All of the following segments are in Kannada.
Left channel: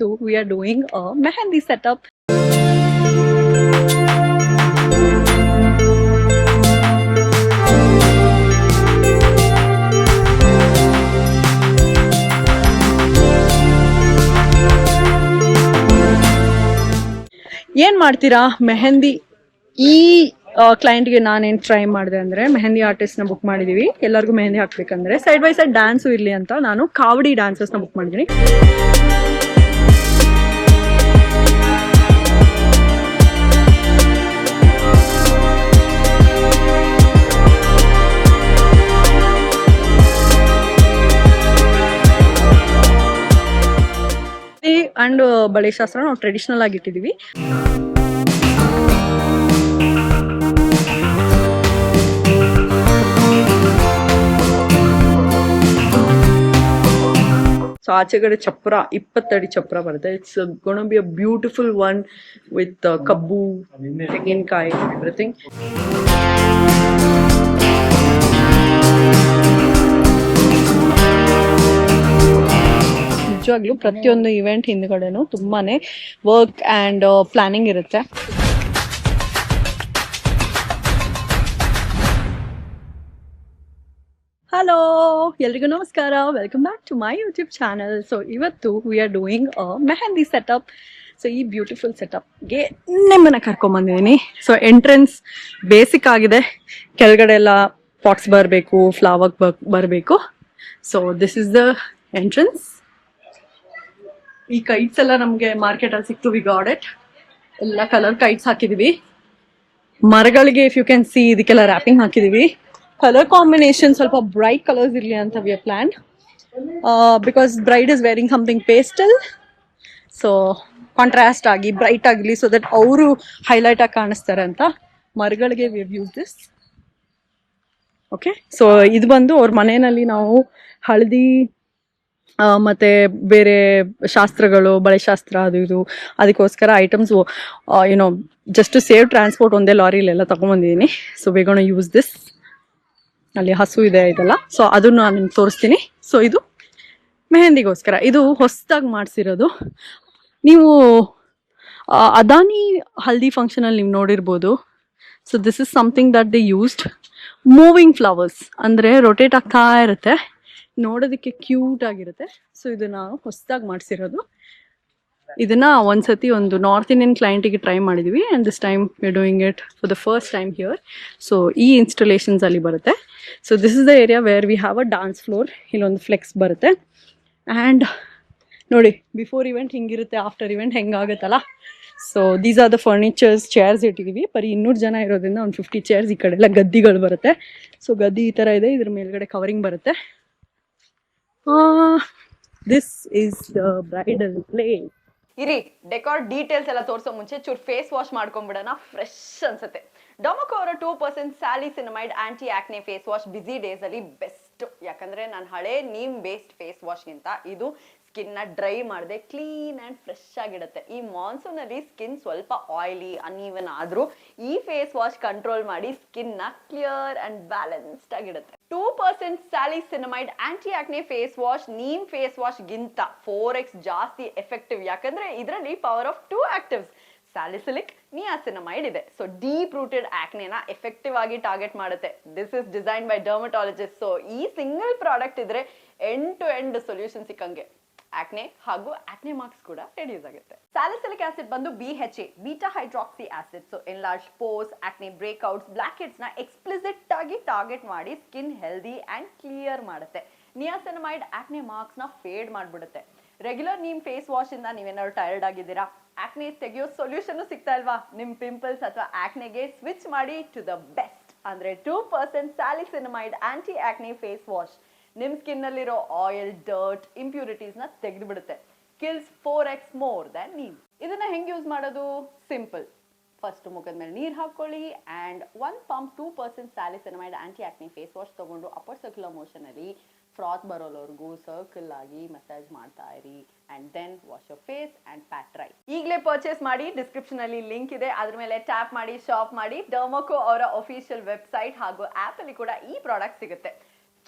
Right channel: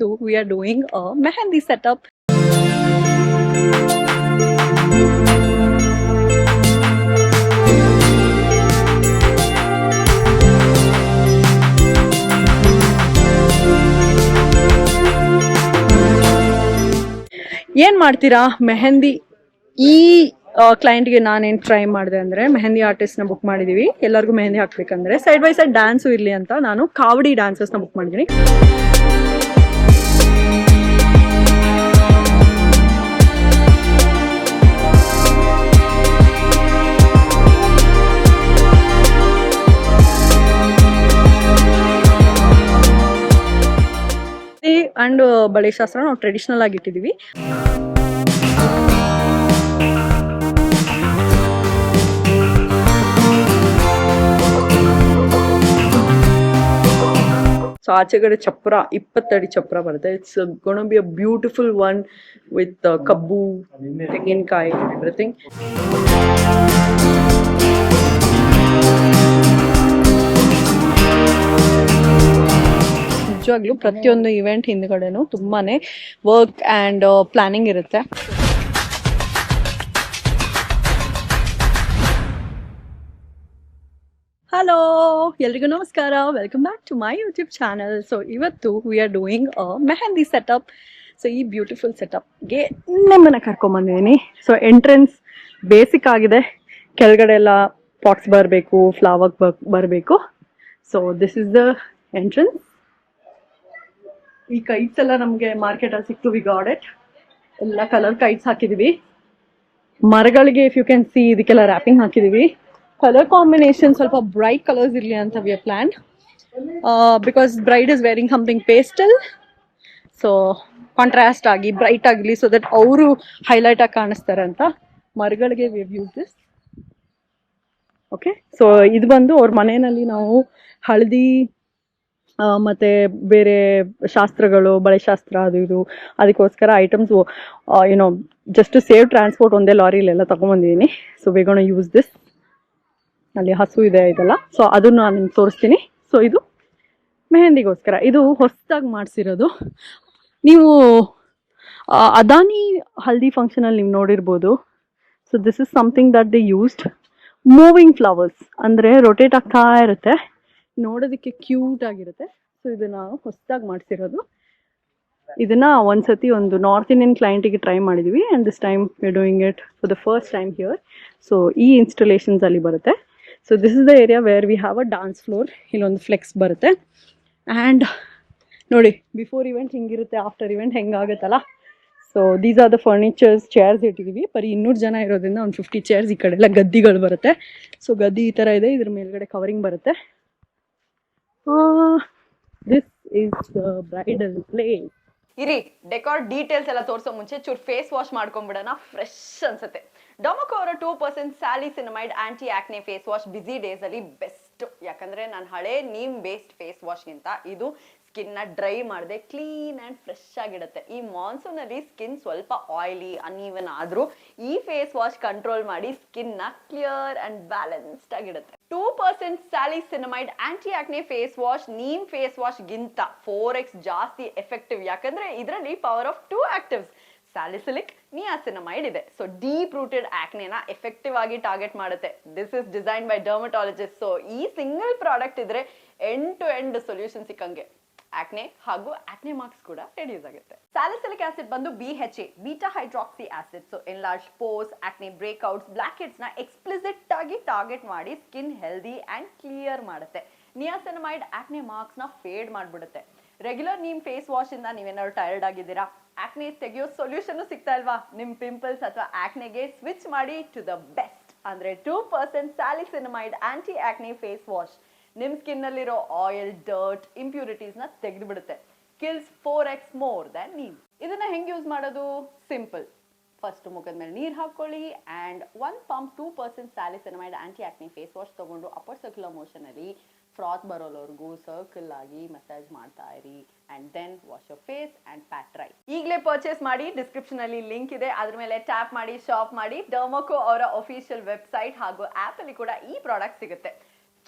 ಇವತ್ತು we are doing a mehendi setup. ಏನ್ ಮಾಡ್ತೀರಾ ಮೆಹಂದಿ ಈ ಕ್ಲೈಂಟ್ಗೆ ನಾನೇನು ಟ್ರೈ ಮಾಡಿದೆ ಅಂದರೆ ಮೆಹಂದಿ ಆರ್ಟಿಸ್ಟ್ನ ಬುಕ್ ಮಾಡಿದ್ದೀವಿ. ಎಲ್ಲರಿಗೂ ಮೆಹಂದಿ ಹಾಕ್ಬೇಕಂದ್ರೆ ಸೈಡ್ ಬೈ ಸೈಡ್ ಡ್ಯಾನ್ಸು ಇರಲಿ ಅಂತ ನಾನು ಕಾವಡಿ ಡ್ಯಾನ್ಸಸ್ನ ಬುಕ್ ಮಾಡಿದ್ದೀನಿ. ಅಂಡ್ ಬಳೆ ಶಾಸ್ತ್ರ ನಾವು ಟ್ರೆಡಿಷನಲ್ ಆಗಿ ಇಟ್ಟಿದ್ದೀವಿ. ಸೊ ಆಚೆಗಡೆ ಚಪ್ರ 20 ಅಡಿ ಚಪ್ರ ಬರುತ್ತೆ. It's gonna be a beautiful one with ಕಬ್ಬು, ತೆಂಗಿನಕಾಯಿ, ಎವ್ರಿಥಿಂಗ್. ನಿಜವಾಗ್ಲೂ ಪ್ರತಿಯೊಂದು ಇವೆಂಟ್ ಹಿಂದ್ಗಡೆನೂ ತುಂಬಾನೇ ವರ್ಕ್ ಆ್ಯಂಡ್ ಪ್ಲಾನಿಂಗ್ ಇರುತ್ತೆ. ಹಲೋ, ಎಲ್ರಿಗೂ ನಮಸ್ಕಾರ. Welcome back to my YouTube channel. So ಇವತ್ತು we are doing a mehndi setup. So ಈ ಬ್ಯೂಟಿಫುಲ್ ಸೆಟಪ್ಗೆ ನಿಮ್ಮನ್ನು ಕರ್ಕೊಂಬಂದಿದ್ದೀನಿ. ಸೊ ಎಂಟ್ರೆನ್ಸ್ ಬೇಸಿಕ್ ಆಗಿದೆ, ಕೆಳಗಡೆ ಎಲ್ಲ ಪಾಟ್ಸ್ ಬರಬೇಕು, ಫ್ಲವರ್ ಬರಬೇಕು. So this is the entrance. ಈ ಕೈಟ್ಸ್ ಎಲ್ಲ ನಮಗೆ ಮಾರ್ಕೆಟಲ್ಲಿ ಸಿಕ್ತು. We got it. ಎಲ್ಲ ಕಲರ್ ಕೈಟ್ಸ್ ಹಾಕಿದೀವಿ. ಮರಗಳಿಗೆ ಇಫ್ ಯು ಕ್ಯಾನ್ ಸಿ ಇದಕ್ಕೆಲ್ಲ ರ್ಯಾಪಿಂಗ್ ಹಾಕಿದೀವಿ. ಕಲರ್ ಕಾಂಬಿನೇಷನ್ ಸ್ವಲ್ಪ ಬ್ರೈಟ್ ಕಲರ್ಸ್ ಇರಲಿ ಅಂತ we are plan, because bride is varying something pastel. So contrast ಆಗಿ ಬ್ರೈಟ್ ಆಗಲಿ, ಸೊ ದಟ್ ಅವರು ಹೈಲೈಟ್ ಆಗಿ ಕಾಣಿಸ್ತಾರೆ ಅಂತ ಮರಗಳಿಗೆ we have use this. Okay, so ಇದು ಬಂದು ಅವ್ರ ಮನೆಯಲ್ಲಿ ನಾವು ಹಳದಿ ಮತ್ತು ಬೇರೆ ಶಾಸ್ತ್ರಗಳು, ಬಳೆ ಶಾಸ್ತ್ರ ಅದು ಇದು ಅದಕ್ಕೋಸ್ಕರ items you know just to save transport ಒಂದೇ ಲಾರಿಲೆಲ್ಲ ತೊಗೊಂಬಂದಿದ್ದೀನಿ. So we gonna use this. ಅಲ್ಲಿ ಹಸು ಇದೆ ಇದೆಲ್ಲ, ಸೊ ಅದನ್ನು ನಾನು ನಿಮ್ಗೆ ತೋರಿಸ್ತೀನಿ. ಸೊ ಇದು ಮೆಹಂದಿಗೋಸ್ಕರ, ಇದು ಹೊಸದಾಗಿ ಮಾಡಿಸಿರೋದು. ನೀವು ಅದಾನಿ ಹಲ್ದಿ ಫಂಕ್ಷನಲ್ಲಿ ನೀವು ನೋಡಿರ್ಬೋದು. So this is something that they used. Moving flowers ಅಂದರೆ ರೊಟೇಟ್ ಆಗ್ತಾ ಇರುತ್ತೆ, ನೋಡೋದಕ್ಕೆ ಕ್ಯೂಟ್ ಆಗಿರುತ್ತೆ. ಸೊ ಇದನ್ನ ಹೊಸದಾಗಿ ಮಾಡಿಸಿರೋದು. ಇದನ್ನ ಒಂದ್ಸತಿ ಒಂದು ನಾರ್ತ್ ಇಂಡಿಯನ್ ಕ್ಲೈಂಟಿಗೆ ಟ್ರೈ ಮಾಡಿದ್ವಿ, and this time we are doing it for the first time here. So ಈ ಇನ್ಸ್ಟಾಲೇಷನ್ಸ್ ಅಲ್ಲಿ ಬರುತ್ತೆ. So this is the area where we have a dance floor. ಇಲ್ಲೊಂದು ಫ್ಲೆಕ್ಸ್ ಬರುತ್ತೆ. ಆ್ಯಂಡ್ ನೋಡಿ, ಬಿಫೋರ್ ಇವೆಂಟ್ ಹಿಂಗಿರುತ್ತೆ, ಆಫ್ಟರ್ ಇವೆಂಟ್ ಹೆಂಗಾಗುತ್ತಲ್ಲ. So these are the furnitures. Chairs ಇಟ್ಟಿದ್ದೀವಿ. ಬರೀ 200 ಜನ ಇರೋದ್ರಿಂದ ಒಂದು 50 ಚೇರ್ಸ್. ಈ ಕಡೆ ಎಲ್ಲ ಗದ್ದಿಗಳು ಬರುತ್ತೆ. ಸೊ ಗದ್ದಿ ಈ ಥರ ಇದೆ, ಇದ್ರ ಮೇಲ್ಗಡೆ ಕವರಿಂಗ್ ಬರುತ್ತೆ. This is the bridal place. ಇರಿ, ಡೆಕಾರ್ ಡೀಟೇಲ್ಸ್ ಎಲ್ಲ ತೋರಿಸೋ ಮುಂಚೆ ಚೂರ್ ಫೇಸ್ ವಾಶ್ ಮಾಡ್ಕೊಂಡ್ಬಿಡೋಣ, ಫ್ರೆಶ್ ಅನ್ಸುತ್ತೆ. ಡೊಮೊಕೊ ಅವರ 2% salicinamide anti acne face wash ಬಿಸಿ ಡೇಸ್ ಅಲ್ಲಿ ಬೆಸ್ಟ್. ಯಾಕಂದ್ರೆ ನಾನು ಹಳೆ ನೀಮ್ ಬೇಸ್ಡ್ ಫೇಸ್ ವಾಶ್ಗಿಂತ ಇದು ಸ್ಕಿನ್ ನ ಡ್ರೈ ಮಾಡದೆ ಕ್ಲೀನ್ ಅಂಡ್ ಫ್ರೆಶ್ ಆಗಿಡುತ್ತೆ. ಈ ಮಾನ್ಸೂನ್ ಅಲ್ಲಿ ಸ್ಕಿನ್ ಸ್ವಲ್ಪ ಆಯಿಲಿ ಅನ್ಈವನ್ ಆದ್ರೂ ಈ ಫೇಸ್ ವಾಶ್ ಕಂಟ್ರೋಲ್ ಮಾಡಿ ಸ್ಕಿನ್ ನ ಕ್ಲಿಯರ್ ಅಂಡ್ ಬ್ಯಾಲೆನ್ಸ್ಡ್ ಆಗಿಡುತ್ತೆ. 2% salicinamide anti acne face wash neem face wash ಗಿಂತ 4x ಜಾಸ್ತಿ ಎಫೆಕ್ಟಿವ್. ಯಾಕಂದ್ರೆ ಇದರಲ್ಲಿ power of 2 actives salicylic, niacinamide ಇದೆ. ಸೊ ಡೀಪ್ ರೂಟೆಡ್ ಆಕ್ನೆನ ಎಫೆಕ್ಟಿವ್ ಆಗಿ ಟಾರ್ಗೆಟ್ ಮಾಡುತ್ತೆ. This is design by dermatologist. So ಈ ಸಿಂಗಲ್ ಪ್ರಾಡಕ್ಟ್ ಇದ್ರೆ ಎಂಡ್ ಟು ಎಂಡ್ ಸೊಲ್ಯೂಷನ್ ಸಿಕ್ಕಂಗೆ. ಆಕ್ನೆ ಹಾಗೂ ಆಕ್ನೆ ಮಾರ್ಕ್ಸ್ ಕೂಡ ರೆಡ್ಯೂಸ್ ಆಗುತ್ತೆ. ಸ್ಯಾಲಿಸಿಲಿಕ್ ಆಸಿಡ್ ಬಂದು BHA, beta hydroxy acid. So enlarge pores, acne breakouts, blackheads ನ ಎಕ್ಸ್ಪ್ಲಿಸಿಟ್ ಆಗಿ ಟಾರ್ಗೆಟ್ ಮಾಡಿ ಸ್ಕಿನ್ ಹೆಲ್ದಿ ಅಂಡ್ ಕ್ಲಿಯರ್ ಮಾಡುತ್ತೆ. ನಿಯಾಸಿನಮೈಡ್ ಆಕ್ನೆ ಮಾರ್ಕ್ಸ್ ನ ಫೇಡ್ ಮಾಡ್ಬಿಡುತ್ತೆ. ರೆಗ್ಯುಲರ್ ನೀಮ್ ಫೇಸ್ ವಾಶ್ ಇಂದ ನೀವೇನಾದ್ರು ಟೈರ್ಡ್ ಆಗಿದ್ದೀರಾ, ಆಕ್ನೆ ತೆಗೆಯೋ ಸೊಲ್ಯೂಷನ್ ಸಿಗ್ತಾ ಇಲ್ವಾ, ನಿಮ್ ಪಿಂಪಲ್ಸ್ ಅಥವಾ ಆಕ್ನೆಗೆ ಸ್ವಿಚ್ ಮಾಡಿ ಟು ದ ಬೆಸ್ಟ್ ಅಂದ್ರೆ 2% salicinamide anti acne face wash. ನಿಮ್ ಸ್ಕಿನ್ ನಲ್ಲಿರೋ ಆಯಿಲ್, ಡರ್ಟ್, ಇಂಪ್ಯೂರಿಟೀಸ್ ನ ತೆಗೆದು ಬಿಡುತ್ತೆ. Kills 4x more than neem. ಇದನ್ನ ಹೆಂಗ್ ಯೂಸ್ ಮಾಡೋದು? ಸಿಂಪಲ್. ಫಸ್ಟ್ ಮುಖದ ಮೇಲೆ ನೀರು ಹಾಕೊಳ್ಳಿ and 1 pump 2% salicinamide anti acne face wash ತಗೊಂಡು ಅಪ್ಪರ್ ಸರ್ಕ್ಯುಲರ್ ಮೋಷನ್ ಅಲ್ಲಿ ಫ್ರಾತ್ ಬರೋವರೆಗೂ ಸರ್ಕಲ್ ಆಗಿ ಮಸಾಜ್ ಮಾಡ್ತಾ ಇರಿ and then wash your face and pat dry. ಈಗಲೇ ಪರ್ಚೇಸ್ ಮಾಡಿ, ಡಿಸ್ಕ್ರಿಪ್ಷನ್ ಅಲ್ಲಿ ಲಿಂಕ್ ಇದೆ, ಅದ್ರ ಮೇಲೆ ಟ್ಯಾಪ್ ಮಾಡಿ ಶಾಪ್ ಮಾಡಿ. ಡರ್ಮೊಕೊ ಅವರ ಅಫಿಷಿಯಲ್ ವೆಬ್ಸೈಟ್ ಹಾಗೂ ಆಪ್ ಅಲ್ಲಿ ಕೂಡ ಈ ಪ್ರಾಡಕ್ಟ್ ಸಿಗುತ್ತೆ.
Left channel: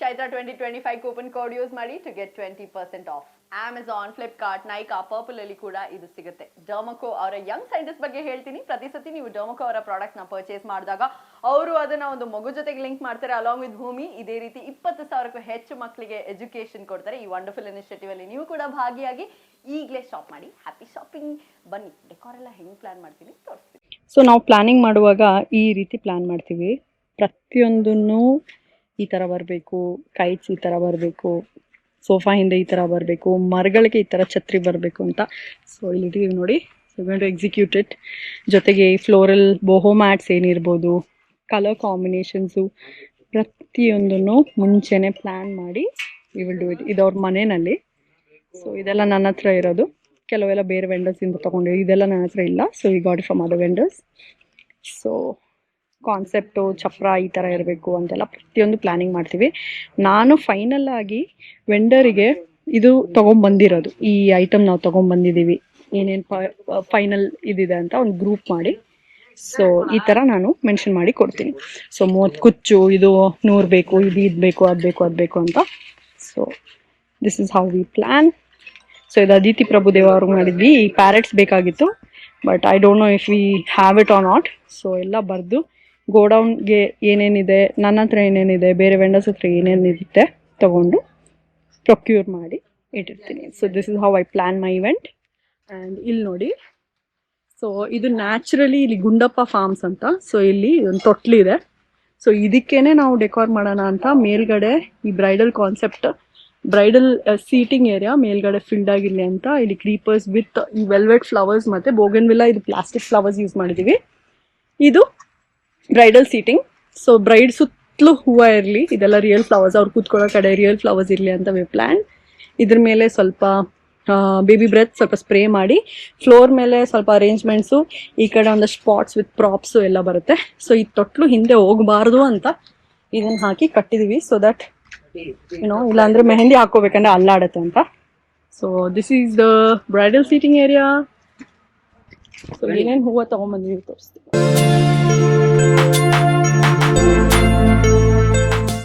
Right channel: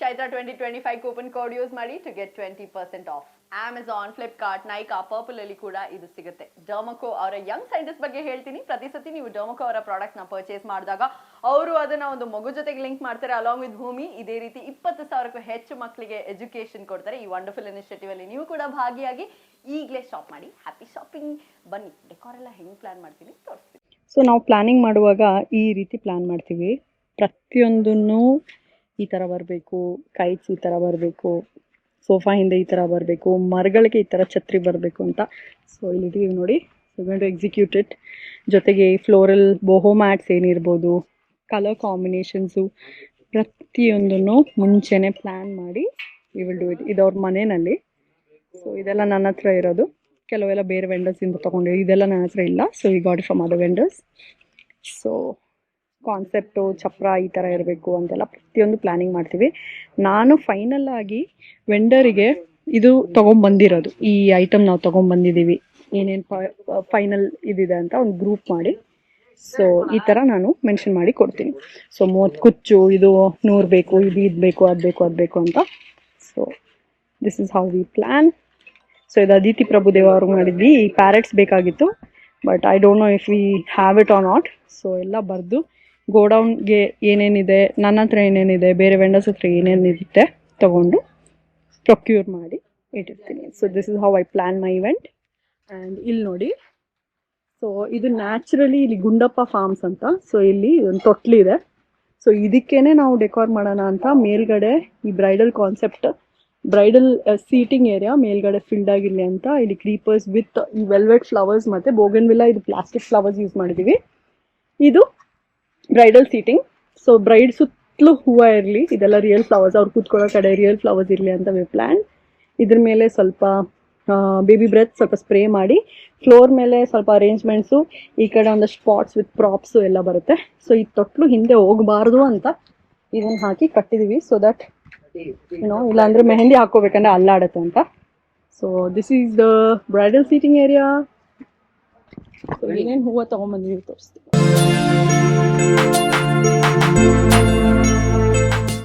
ಚೈತ್ರ 2025 ಕೂಪನ್ ಕೋಡ್ ಯೂಸ್ ಮಾಡಿ to get 20% off. Amazon, Flipkart, Nykaa, Purplle ಅಲ್ಲಿ ಕೂಡ ಇದು ಸಿಗುತ್ತೆ. ಡರ್ಮಕೋ ಅವರ ಯಂಗ್ ಸೈಂಟಿಸ್ಟ್ ಬಗ್ಗೆ ಹೇಳ್ತೀನಿ. ಪ್ರತಿ ಸತಿ ನೀವು ಡರ್ಮಕೋ ಅವರ ಪ್ರಾಡಕ್ಟ್ ನ ಪರ್ಚೇಸ್ ಮಾಡಿದಾಗ ಅವರು ಅದನ್ನ ಒಂದು ಮಗು ಜೊತೆಗೆ ಲಿಂಕ್ ಮಾಡ್ತಾರೆ ಅಲಾಂಗ್ ವಿತ್ ಭೂಮಿ. ಇದೇ ರೀತಿ 20,000ಕ್ಕೂ ಹೆಚ್ಚು ಮಕ್ಕಳಿಗೆ ಎಜುಕೇಶನ್ ಕೊಡ್ತಾರೆ. ಈ ವಂಡರ್ಫುಲ್ ಇನಿಷಿಯೇಟಿವ್ ಅಲ್ಲಿ ನೀವು ಕೂಡ ಭಾಗಿಯಾಗಿ ಈಗಲೇ ಶಾಪ್ ಮಾಡಿ. Happy shopping. ಬನ್ನಿ ಡೆಕೋರ್ ಎಲ್ಲ ಹೆಂಗ್ ಪ್ಲಾನ್ ಮಾಡ್ತೀನಿ ತೋರಿಸ್ತೀನಿ. ಸೊ ನಾವು ಪ್ಲಾನಿಂಗ್ ಮಾಡುವಾಗ ಈ ರೀತಿ ಪ್ಲಾನ್ ಮಾಡ್ತೀವಿ. ಪ್ರತಿಯೊಂದನ್ನು ಈ ಥರ ಬರಬೇಕು, ಕೈಟ್ಸ್ ಈ ಥರ ಬರಬೇಕು, ಸೋಫಾ ಹಿಂದೆ ಈ ಥರ ಬರಬೇಕು, ಮರಗಳಿಗೆ ಈ ಥರ ಛತ್ರಿ ಬರಬೇಕು ಅಂತ. ಸೊ ಇಲ್ಲಿ ನೋಡಿ, ಟು ಎಕ್ಸಿಕ್ಯೂಟ್ ಇಟ್. ಜೊತೆಗೆ ಫ್ಲೋರಲ್ ಬೋಹೋ ಮ್ಯಾಟ್ಸ್ ಏನಿರ್ಬೋದು, ಕಲರ್ ಕಾಂಬಿನೇಷನ್ಸು, ಪ್ರತಿಯೊಂದನ್ನು ಮುಂಚೆನೆ ಪ್ಲ್ಯಾನ್ ಮಾಡಿ ವಿ ವಿಲ್ ಡೂ ಇಟ್. ಇದು ಅವ್ರ ಮನೆಯಲ್ಲಿ. ಸೊ ಇದೆಲ್ಲ ನನ್ನ ಹತ್ರ ಇರೋದು. ಕೆಲವೆಲ್ಲ ಬೇರೆ ವೆಂಡರ್ಸಿಂದ ತೊಗೊಂಡಿವಿ. ಇದೆಲ್ಲ ನನ್ನ ಹತ್ರ ಇಲ್ಲ. ಸೊ ಈ got it from other vendors. So concept ಚಪ್ರ ಈ ಥರ ಇರಬೇಕು ಅಂತೆಲ್ಲ ಪ್ರತಿಯೊಂದು ಪ್ಲ್ಯಾನಿಂಗ್ ಮಾಡ್ತೀವಿ. ನಾನು ಫೈನಲ್ ಆಗಿ ವೆಂಡರಿಗೆ ಇದು ತೊಗೊಂಬಂದಿರೋದು, ಈ ಐಟಮ್ ನಾವು ತೊಗೊಂಬಂದಿದ್ದೀವಿ, ಏನೇನು ಫೈನಲ್ ಇದಿದೆ ಅಂತ ಒಂದು ಗ್ರೂಪ್ ಮಾಡಿ. ಸೊ ಈ ಥರ ನಾನು ಮೆನ್ಷನ್ ಮಾಡಿ ಕೊಡ್ತೀನಿ. ಸೊ 30 ಕುಚ್ಚು, ಇದು 100 ಬೇಕು, ಇದು ಬೇಕು, ಅದು ಬೇಕು, ಅದು ಬೇಕು ಅಂತ. So this is how we plan. So ಇದು ಅದಿತಿ ಪ್ರಭುದೇವ ಅವ್ರಿಗೆ ಮಾಡಿದ್ವಿ. ಈ ಪ್ಯಾರೆಟ್ಸ್ ಬೇಕಾಗಿತ್ತು, but I don't know if we have it or not. So ಎಲ್ಲ ಬರೆದು ಗೋಡೌನ್ಗೆ ಏನೇನಿದೆ, ನನ್ನ ಹತ್ರ ಏನೇನಿದೆ, ಬೇರೆ ವೆಂಡರ್ಸ್ ಹತ್ರ ಏನೇನಿರುತ್ತೆ ತೊಗೊಂಡು ಪ್ರೊಕ್ಯೂರ್ ಮಾಡಿ ಇಟ್ಟಿರ್ತೀನಿ. So this is how I plan my event. And ಇಲ್ಲಿ ನೋಡಿ, ಸೊ ಇದು ನ್ಯಾಚುರಲಿ ಇಲ್ಲಿ ಗುಂಡಪ್ಪ ಫಾರ್ಮ್ಸ್ ಅಂತ. ಸೊ ಇಲ್ಲಿ ಒಂದು ತೊಟ್ಲಿದೆ. ಸೊ ಇದಕ್ಕೇನೆ ನಾವು ಡೆಕೋರ್ ಮಾಡೋಣ ಅಂತ ಮೇಲ್ಗಡೆ ಈ bridal concept, bridal seating area ಮೇಲ್ಗಡೆ ಫಿಲ್ಡ್ ಆಗಿರಲಿ ಅಂತ ಇಲ್ಲಿ ಕ್ರೀಪರ್ಸ್ ವಿತ್ ಈ ವೆಲ್ವೆಟ್ ಫ್ಲವರ್ಸ್ ಮತ್ತು ಬೋಗನ್ವಿಲ್ಲಾ, ಇದು ಪ್ಲಾಸ್ಟಿಕ್ ಫ್ಲವರ್ಸ್ ಯೂಸ್ ಮಾಡಿದ್ದೀವಿ. ಇದು ಬ್ರೈಡಲ್ ಸೀಟಿಂಗ್. ಸೊ ಬ್ರೈಡ್ ಸುತ್ತಲೂ ಹೂವು ಇರಲಿ, ಇದೆಲ್ಲ ರಿಯಲ್ ಫ್ಲವರ್ಸ್, ಅವ್ರು ಕೂತ್ಕೊಳ್ಳೋ ಕಡೆ ರಿಯಲ್ ಫ್ಲವರ್ಸ್ ಇರಲಿ ಅಂತ ವಿ ಪ್ಲ್ಯಾನ್. ಇದ್ರ ಮೇಲೆ ಸ್ವಲ್ಪ ಬೇಬಿ ಬ್ರೆತ್ ಸ್ವಲ್ಪ ಸ್ಪ್ರೇ ಮಾಡಿ, ಫ್ಲೋರ್ ಮೇಲೆ ಸ್ವಲ್ಪ ಅರೇಂಜ್ಮೆಂಟ್ಸು, ಈ ಕಡೆ ಒಂದಷ್ಟು ಸ್ಪಾಟ್ಸ್ ವಿತ್ ಪ್ರಾಪ್ಸು ಎಲ್ಲ ಬರುತ್ತೆ. ಸೊ ಈ ತೊಟ್ಲು ಹಿಂದೆ ಹೋಗಬಾರ್ದು ಅಂತ ಇದನ್ನು ಹಾಕಿ ಕಟ್ಟಿದ್ದೀವಿ. ಸೊ ದಟ್ ಇಲ್ಲಾಂದರೆ ಮೆಹಂದಿ ಹಾಕೋಬೇಕಂದ್ರೆ ಅಲ್ಲಾಡತ್ತೆ ಅಂತ. So this is the bridal seating area. So ಏನೇನು ಹೂವು ತೊಗೊಂಬಂದಿದ್ದೀವಿ ತೋರಿಸ್ತೀವಿ.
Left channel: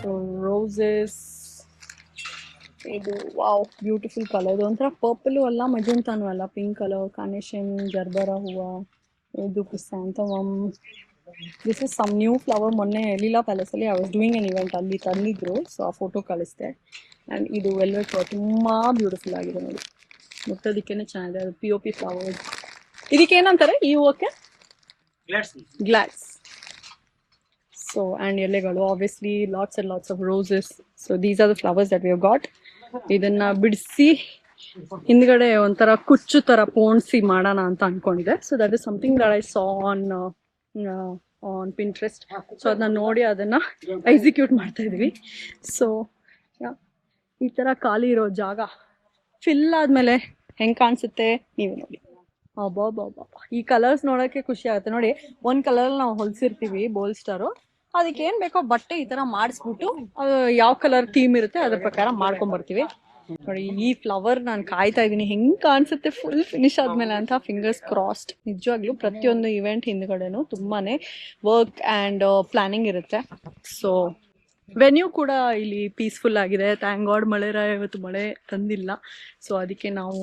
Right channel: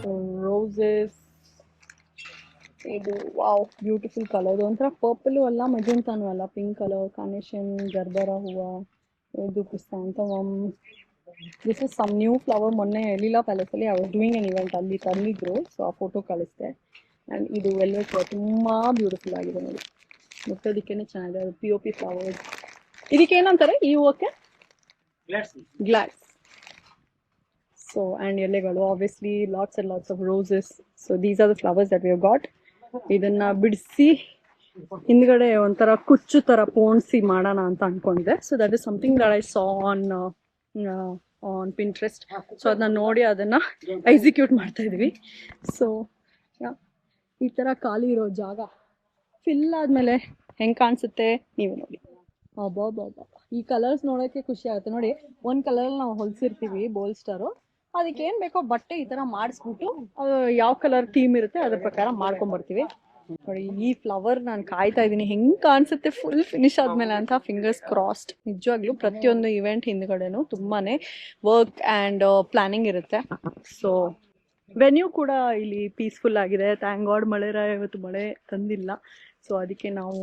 ಸೊ ರೋಸಸ್, ಇದು ವಾವ್ ಬ್ಯೂಟಿಫುಲ್ ಕಲರ್. ಇದು ಒಂಥರ ಪರ್ಪಲು ಅಲ್ಲ, ಮಜೆಂತಾನು ಅಲ್ಲ, ಪಿಂಕ್ ಕಲರ್, ಕಾರ್ನೇಷನ್, ಜರ್ಬರ ಹೂವು, ಇದು chrysanthemum. This is some new flower. ಮೊನ್ನೆ ಲೀಲಾ ಪ್ಯಾಲೇಸಲ್ಲಿ I was doing an event, ಅಲ್ಲಿ ತಂದಿದ್ರು. ಸೊ ಆ ಫೋಟೋ ಕಳಿಸ್ದೆ. ಆ್ಯಂಡ್ ಇದು ವೆಲ್ವೆಟ್ ತುಂಬ ಬ್ಯೂಟಿಫುಲ್ ಆಗಿದೆ ನೋಡಿ, ಮುಟ್ಟೋದಕ್ಕೇನೆ ಚೆನ್ನಾಗಿದೆ. ಅದು POP ಫ್ಲವರ್ಸ್. ಇದಕ್ಕೇನಂತಾರೆ ಈ ಹೂವಕ್ಕೆ? ಗ್ಲಾಡ್ಸ್. ಸೊ ಆ್ಯಂಡ್ ಎಲೆಗಳು obviously lots and lots of roses. So these are the flowers that we have got. ಇದನ್ನು ಬಿಡಿಸಿ ಹಿಂದ್ಗಡೆ ಒಂಥರ ಕುಚ್ಚು ಥರ ಪೋಣಿಸಿ ಮಾಡೋಣ ಅಂತ ಅಂದ್ಕೊಂಡಿದ್ದೆ. So that is something that I saw on Pinterest. So ಅದನ್ನ ನೋಡಿ ಅದನ್ನು ಎಕ್ಸಿಕ್ಯೂಟ್ ಮಾಡ್ತಾ ಇದ್ವಿ. ಸೊ ಈ ಥರ ಖಾಲಿ ಇರೋ ಜಾಗ ಫಿಲ್ ಆದಮೇಲೆ ಹೆಂಗೆ ಕಾಣಿಸುತ್ತೆ ನೀವೇ ನೋಡಿ. ಅಬ್ಬಾ, ಈ ಕಲರ್ಸ್ ನೋಡೋಕ್ಕೆ ಖುಷಿ ಆಗುತ್ತೆ ನೋಡಿ. ಒಂದು ಕಲರಲ್ಲಿ ನಾವು ಹೊಲಿಸಿರ್ತೀವಿ ಬೋಲ್ಸ್ಟರು, ಅದಕ್ಕೆ ಏನು ಬೇಕೋ ಬಟ್ಟೆ ಈ ಥರ ಮಾಡಿಸ್ಬಿಟ್ಟು ಯಾವ ಕಲರ್ ಥೀಮ್ ಇರುತ್ತೆ ಅದ್ರ ಪ್ರಕಾರ ಮಾಡ್ಕೊಂಬರ್ತೀವಿ ನೋಡಿ. ಈ ಫ್ಲವರ್ ನಾನು ಕಾಯ್ತಾ ಇದ್ದೀನಿ ಹೆಂಗೆ ಕಾಣಿಸುತ್ತೆ ಫುಲ್ ಫಿನಿಶ್ ಆದಮೇಲೆ ಅಂತ. Fingers crossed. ನಿಜವಾಗ್ಲೂ ಪ್ರತಿಯೊಂದು ಇವೆಂಟ್ ಹಿಂದ್ಗಡೆನೂ ತುಂಬಾ ವರ್ಕ್ ಆ್ಯಂಡ್ ಪ್ಲಾನಿಂಗ್ ಇರುತ್ತೆ. ಸೊ ವೆನ್ಯೂ ಕೂಡ ಇಲ್ಲಿ ಪೀಸ್ಫುಲ್ ಆಗಿದೆ. ಥ್ಯಾಂಕ್ ಗಾಡ್ ಮಳೆರಾಯ ಇವತ್ತು ಮಳೆ ತಂದಿಲ್ಲ. ಸೊ ಅದಕ್ಕೆ ನಾವು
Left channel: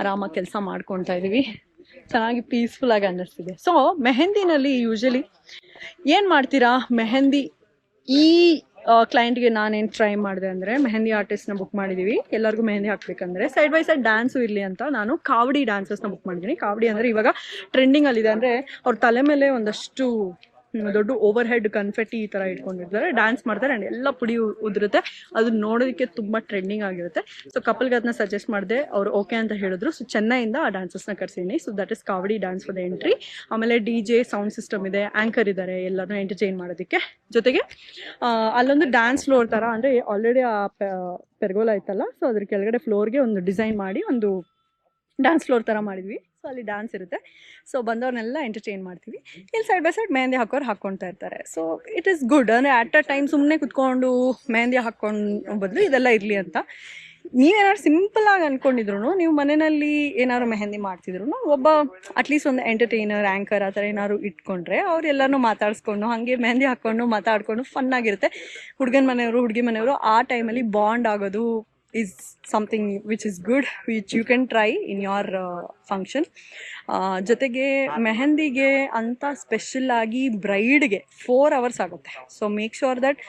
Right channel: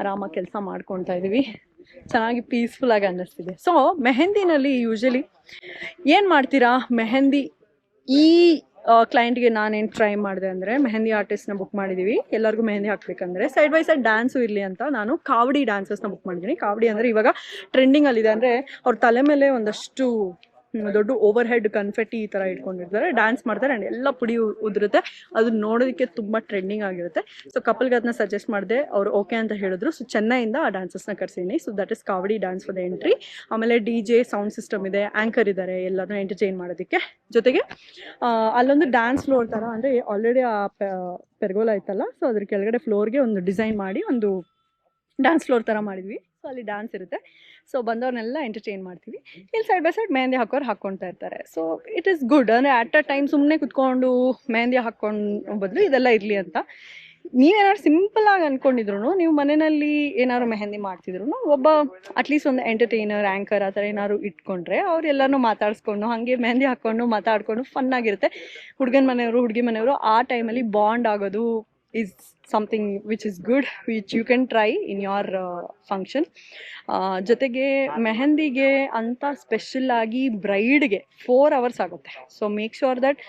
ಆರಾಮಾಗಿ ಕೆಲಸ ಮಾಡ್ಕೊತಾ ಇದೀವಿ. ಚೆನ್ನಾಗಿ ಪೀಸ್ಫುಲ್ ಆಗಿ ಅನ್ನಿಸ್ತಿದೆ. ಸೊ ಮೆಹಂದಿನಲ್ಲಿ ಯೂಶಲಿ ಏನು ಮಾಡ್ತೀರಾ, ಮೆಹಂದಿ ಈ ಕ್ಲೈಂಟ್ಗೆ ನಾನೇನು ಟ್ರೈ ಮಾಡಿದೆ ಅಂದರೆ, ಮೆಹಂದಿ ಆರ್ಟಿಸ್ಟ್ನ ಬುಕ್ ಮಾಡಿದ್ದೀವಿ. ಎಲ್ಲರಿಗೂ ಮೆಹಂದಿ ಹಾಕ್ಬೇಕಂದ್ರೆ ಸೈಡ್ ಬೈ ಸೈಡ್ ಡ್ಯಾನ್ಸು ಇರಲಿ ಅಂತ ನಾನು ಕಾವಡಿ ಡ್ಯಾನ್ಸಸ್ನ ಬುಕ್ ಮಾಡಿದ್ದೀನಿ. ಕಾವಡಿ ಅಂದರೆ ಇವಾಗ ಟ್ರೆಂಡಿಂಗಲ್ಲಿದೆ. ಅಂದರೆ ಅವ್ರ ತಲೆ ಮೇಲೆ ಒಂದಷ್ಟು ದೊಡ್ಡ ಓವರ್ ಹೆಡ್ ಕನ್ಫೆಟ್ಟಿ ಈ ಥರ ಇಟ್ಕೊಂಡಿರ್ತಾರೆ, ಡ್ಯಾನ್ಸ್ ಮಾಡ್ತಾರೆ ಆ್ಯಂಡ್ ಎಲ್ಲ ಪುಡಿ ಉದುರುತ್ತೆ. ಅದು ನೋಡೋದಕ್ಕೆ ತುಂಬ ಟ್ರೆಂಡಿಂಗ್ ಆಗಿರುತ್ತೆ. ಸೊ ಕಪಲ್ಗೆ ಅದನ್ನ ಸಜೆಸ್ಟ್ ಮಾಡಿದೆ, ಅವರು ಓಕೆ ಅಂತ ಹೇಳಿದ್ರು. ಸೊ ಚೆನ್ನೈಯಿಂದ ಆ ಡ್ಯಾನ್ಸಸ್ನ ಕರ್ಸಿದ್ದೀನಿ. So that is kavadi dance for the entry. ಆಮೇಲೆ DJ ಸೌಂಡ್ ಸಿಸ್ಟಮ್ ಇದೆ, ಆ್ಯಂಕರ್ ಇದ್ದಾರೆ ಎಲ್ಲರೂ ಎಂಟರ್ಟೈನ್ ಮಾಡೋದಕ್ಕೆ. ಜೊತೆಗೆ ಅಲ್ಲೊಂದು ಡ್ಯಾನ್ಸ್ ಫ್ಲೋರ್ ಥರ, ಅಂದರೆ ಆಲ್ರೆಡಿ ಆ ಪೆರ್ಗೋಲ ಇತ್ತಲ್ಲ, ಸೊ ಅದ್ರ ಕೆಳಗಡೆ ಫ್ಲೋರ್ಗೆ ಒಂದು ಡಿಸೈನ್ ಮಾಡಿ ಒಂದು ಡ್ಯಾನ್ಸ್ ಫ್ಲೋರ್ ಥರ ಮಾಡಿದ್ವಿ. ಸೊ ಅಲ್ಲಿ ಡ್ಯಾನ್ಸ್ ಇರುತ್ತೆ. ಸೊ ಬಂದವ್ರನ್ನೆಲ್ಲ ಎಂಟರ್ಟೈನ್ ಮಾಡ್ತೀವಿ. ಇಲ್ಲಿ ಸೈಡ್ ಬೈ ಸೈಡ್ ಮೆಹಂದಿ ಹಾಕೋರು ಹಾಕ್ಕೊಳ್ತಾ ಇರ್ತಾರೆ. So it is good. ಅಂದರೆ ಅಟ್ ಅ ಟೈಮ್ ಸುಮ್ಮನೆ ಕುತ್ಕೊಂಡು ಮೆಹಂದಿ ಹಾಕ್ಕೊಂಡು ಬದಲು ಇದೆಲ್ಲ ಇರಲಿ ಅಂತ. ನೀವೇನಾದ್ರು ಸಿಂಪಲಾಗಿ ಅಂದ್ಕೊಂಡಿದ್ರು, ನೀವು ಮನೆಯಲ್ಲಿ ಏನಾದ್ರು ಮೆಹಂದಿ ಮಾಡ್ತಿದ್ರು, ಒಬ್ಬ ಅಟ್ಲೀಸ್ಟ್ ಒಂದು ಎಂಟರ್ಟೈನರ್, ಆ್ಯಂಕರ್ ಆ ಥರ ಏನಾದ್ರು ಇಟ್ಕೊಂಡ್ರೆ ಅವರೆಲ್ಲರೂ ಮಾತಾಡಿಸ್ಕೊಂಡು ಹಾಗೆ ಮೆಹಂದಿ ಹಾಕ್ಕೊಂಡು ಮಾತಾಡ್ಕೊಂಡು ಫನ್ ಆಗಿರುತ್ತೆ. ಹುಡುಗನ ಮನೆಯವರು ಹುಡುಗಿ ಮನೆಯವರು ಆ ಟೈಮಲ್ಲಿ ಬಾಂಡ್ ಆಗೋದು, is something which is good, which you can try in your function. ಜೊತೆಗೆ ಮೆಹಂದಿಗೆ ಅಂತ ಸ್ಪೆಷಲ್ ಆಗಿ ಬ್ರೈಡ್ಗೆ 4 hours ಆಗುತ್ತೆ. So make sure that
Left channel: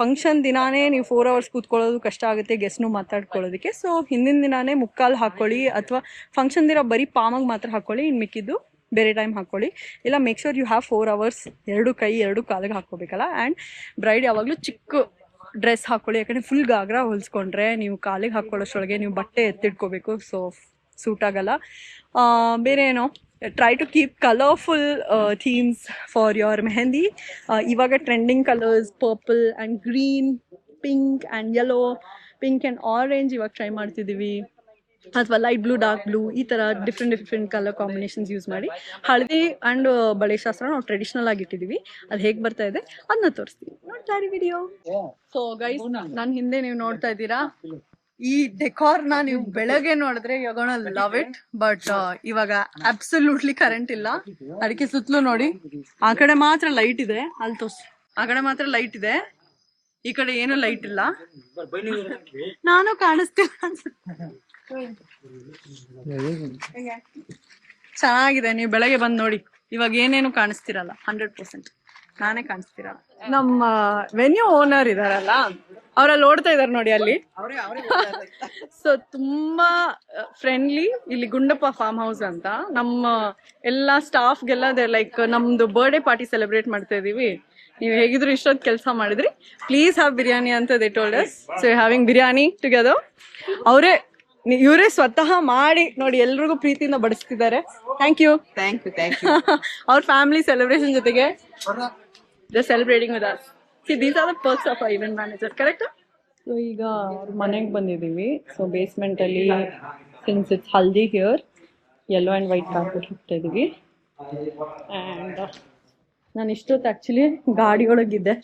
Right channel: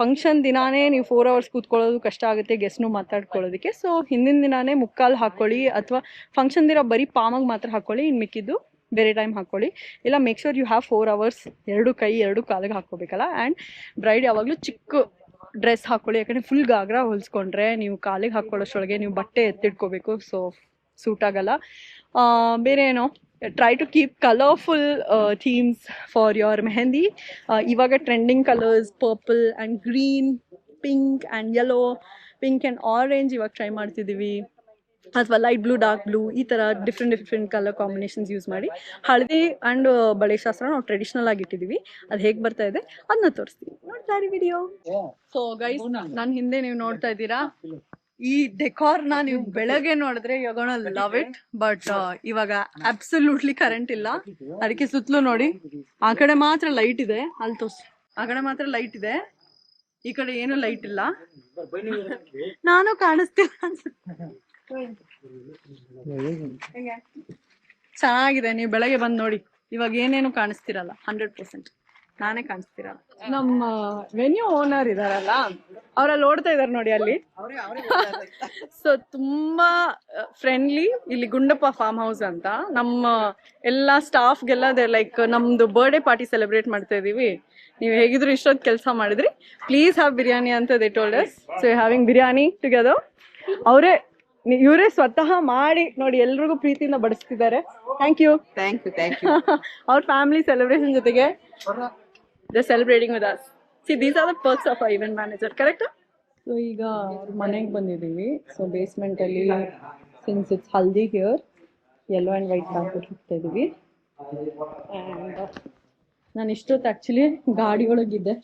function ದಿನಾನೇ ನೀವು 4 hours ಕೂತ್ಕೊಳ್ಳೋದು ಕಷ್ಟ ಆಗುತ್ತೆ ಗೆಸ್ಟ್ನು ಮಾತಾಡ್ಕೊಳ್ಳೋದಕ್ಕೆ. ಸೊ ಹಿಂದಿನ ದಿನಾನೇ ಮುಕ್ಕಾಲು ಹಾಕ್ಕೊಳ್ಳಿ, ಅಥವಾ ಫಂಕ್ಷನ್ ದಿನ ಬರೀ ಪಾಮಾಗಿ ಮಾತ್ರ ಹಾಕ್ಕೊಳ್ಳಿ, ಇನ್ನು ಮಿಕ್ಕಿದ್ದು ಬೇರೆ ಟೈಮ್ ಹಾಕ್ಕೊಳ್ಳಿ. ಇಲ್ಲ make sure you have 4 hours 2 ಕೈ 2 ಕಾಲಿಗೆ ಹಾಕ್ಕೋಬೇಕಲ್ಲ. ಆ್ಯಂಡ್ ಬ್ರೈಡ್ ಯಾವಾಗಲೂ ಚಿಕ್ಕ ಡ್ರೆಸ್ ಹಾಕ್ಕೊಳ್ಳಿ, ಯಾಕಂದರೆ ಫುಲ್ ಗಾಗ್ರಾ ಹೊಲಿಸ್ಕೊಂಡ್ರೆ ನೀವು ಕಾಲಿಗೆ ಹಾಕ್ಕೊಳ್ಳೋಷ್ಟೊಳಗೆ ನೀವು ಬಟ್ಟೆ ಎತ್ತಿಡ್ಕೋಬೇಕು, ಸೊ ಸೂಟ್ ಆಗಲ್ಲ. ಬೇರೆ ಏನೋ try to keep colourful themes for your mehndi. ಇವಾಗ trending colours purple and green, pink and yellow, pink and orange ಇವಾಗ ಟ್ರೈ ಮಾಡ್ತಿದ್ದೀವಿ, ಅಥವಾ ಲೈಟ್ ಬ್ಲೂ ಡಾರ್ಕ್ ಬ್ಲೂ, ಈ ಥರ ಡಿಫ್ರೆಂಟ್ ಕಲರ್ ಕಾಂಬಿನೇಷನ್ಸ್ ಯೂಸ್ ಮಾಡಿ. ಹಳದಿ ಆ್ಯಂಡ್ ಬಳೆ ಶಾಸ್ತ್ರ ನಾವು ಟ್ರೆಡಿಷ್ನಲ್ ಆಗಿ ಇಟ್ಟಿದ್ದೀವಿ. ಅದು ಹೇಗೆ ಬರ್ತಾ ಇದೆ ಅದನ್ನ ತೋರಿಸ್ತೀವಿ, ನೋಡ್ತಾ ಇರಿ ವಿಡಿಯೋ. ಸೊ ಗೈಸ್, ನನ್ನ ಹಿಂದೆ ನೀವು ನೋಡ್ತಾ ಇದ್ದೀರಾ ಈ ಡೆಕಾರ್ನ. ನೀವು ಬೆಳಗ್ಗೆ ನೋಡಿದ್ರೆ you gonna love it, but ಇವಾಗ ಅಬ್ಸಲ್ಯೂಟ್ಲಿ ಕರೆಂಟ್ ಇಲ್ಲ, ಅದಕ್ಕೆ ಸುತ್ತಲೂ ನೋಡಿ ಆ ಕಡೆ ಮಾತ್ರ ಲೈಟ್ ಇದೆ, ಅಲ್ಲಿ ತೋರಿಸಿ, ಆ ಕಡೆ ಮಾತ್ರ ಲೈಟ್ ಇದೆ, ಈ ಕಡೆ ಏನು ಲೈಟ್ ಇಲ್ಲ. ನಾನು ಕಾಣಿಸ್ತಿಲ್ಲ ಅನ್ಸುತ್ತೆ. ಚೆನ್ನಾಗಿದೆ, ನೀವು ಬೆಳಗ್ಗೆ ಬಂದು ನೋಡಿ, ಇವಾಗ ಏನೇನು ಕಾಣಿಸ್ತಿರಲ್ಲ, 100% ನಾನೇ ಕಾಣಿಸ್ತಿರಲ್ಲ. ನಮ್ಮ ವೆನ್ಯೂ ಓನರ್ ಇದಾರಲ್ಲ, ಅವರಲ್ಲಿ ಓಡ್ತಾ ಇದಾರೆ ನೋಡಿ ಅಲ್ಲಿ. ಸೊ ತುಂಬಾ ಫ್ರೆಂಡ್ಲಿ. ಇಲ್ಲಿ ಗುಂಡಪ್ಪ ಫಾರ್ಮ್ ಹೌಸ್ ಅಂತ, ನಮ್ಮ ಎಲ್ಲ ಸ್ಟಾಫ್ಗೆಲ್ಲ ಲೈಕ್ ನಮ್ದು ಬರ್ಡೇ ಪಾರ್ಟಿ ಸೆಲೆಬ್ರೇಟ್ ಮಾಡ್ತಾ ಇದೀವಿ, ನೀವು ಹೇಗಿದ್ರು ಇಷ್ಟೊತ್ತು ಕೆಲಸ ಮಾಡಿದ್ರಿ, ಪ್ಲೀಸ್ ಹ್ಯಾವ್ ಬಿರಿಯಾನಿ ಅಂತ they told us. So having biryani together. ಇವರೇ ಸ್ವತಃ ಮಾಡಿ ನೋಡಿ ಎಲ್ರಿಗೂ ಪ್ರೀತಿಯಿಂದ ಬಡಿಸ್ತಿದ್ದಾರೆ. Thank you. ಅವ್ರ ಫ್ಯಾಮಿಲಿ ಸೆಲೆಬ್ರೇಷನ್ ಜೊತೆಗೆ celebrating with us. See these are the perks of event manager, correct? So ಈಗ ಮನೆಗೆ ಬಂದಿದ್ದೀವಿ. ಸೊ ಬೇಸ್ಮೆಂಟ್ ಅಲ್ಲಿ since it's haldi here, yellow and white carpet ಹಾಕ್ತಾ ಇದ್ದೀವಿ. ಆ್ಯಂಡ್ ನಾನು ಇಷ್ಟೊತ್ತು ಆ್ಯಕ್ಚುಲಿ ಗಾಡಿ ಒಳಗಿದ್ದೆ.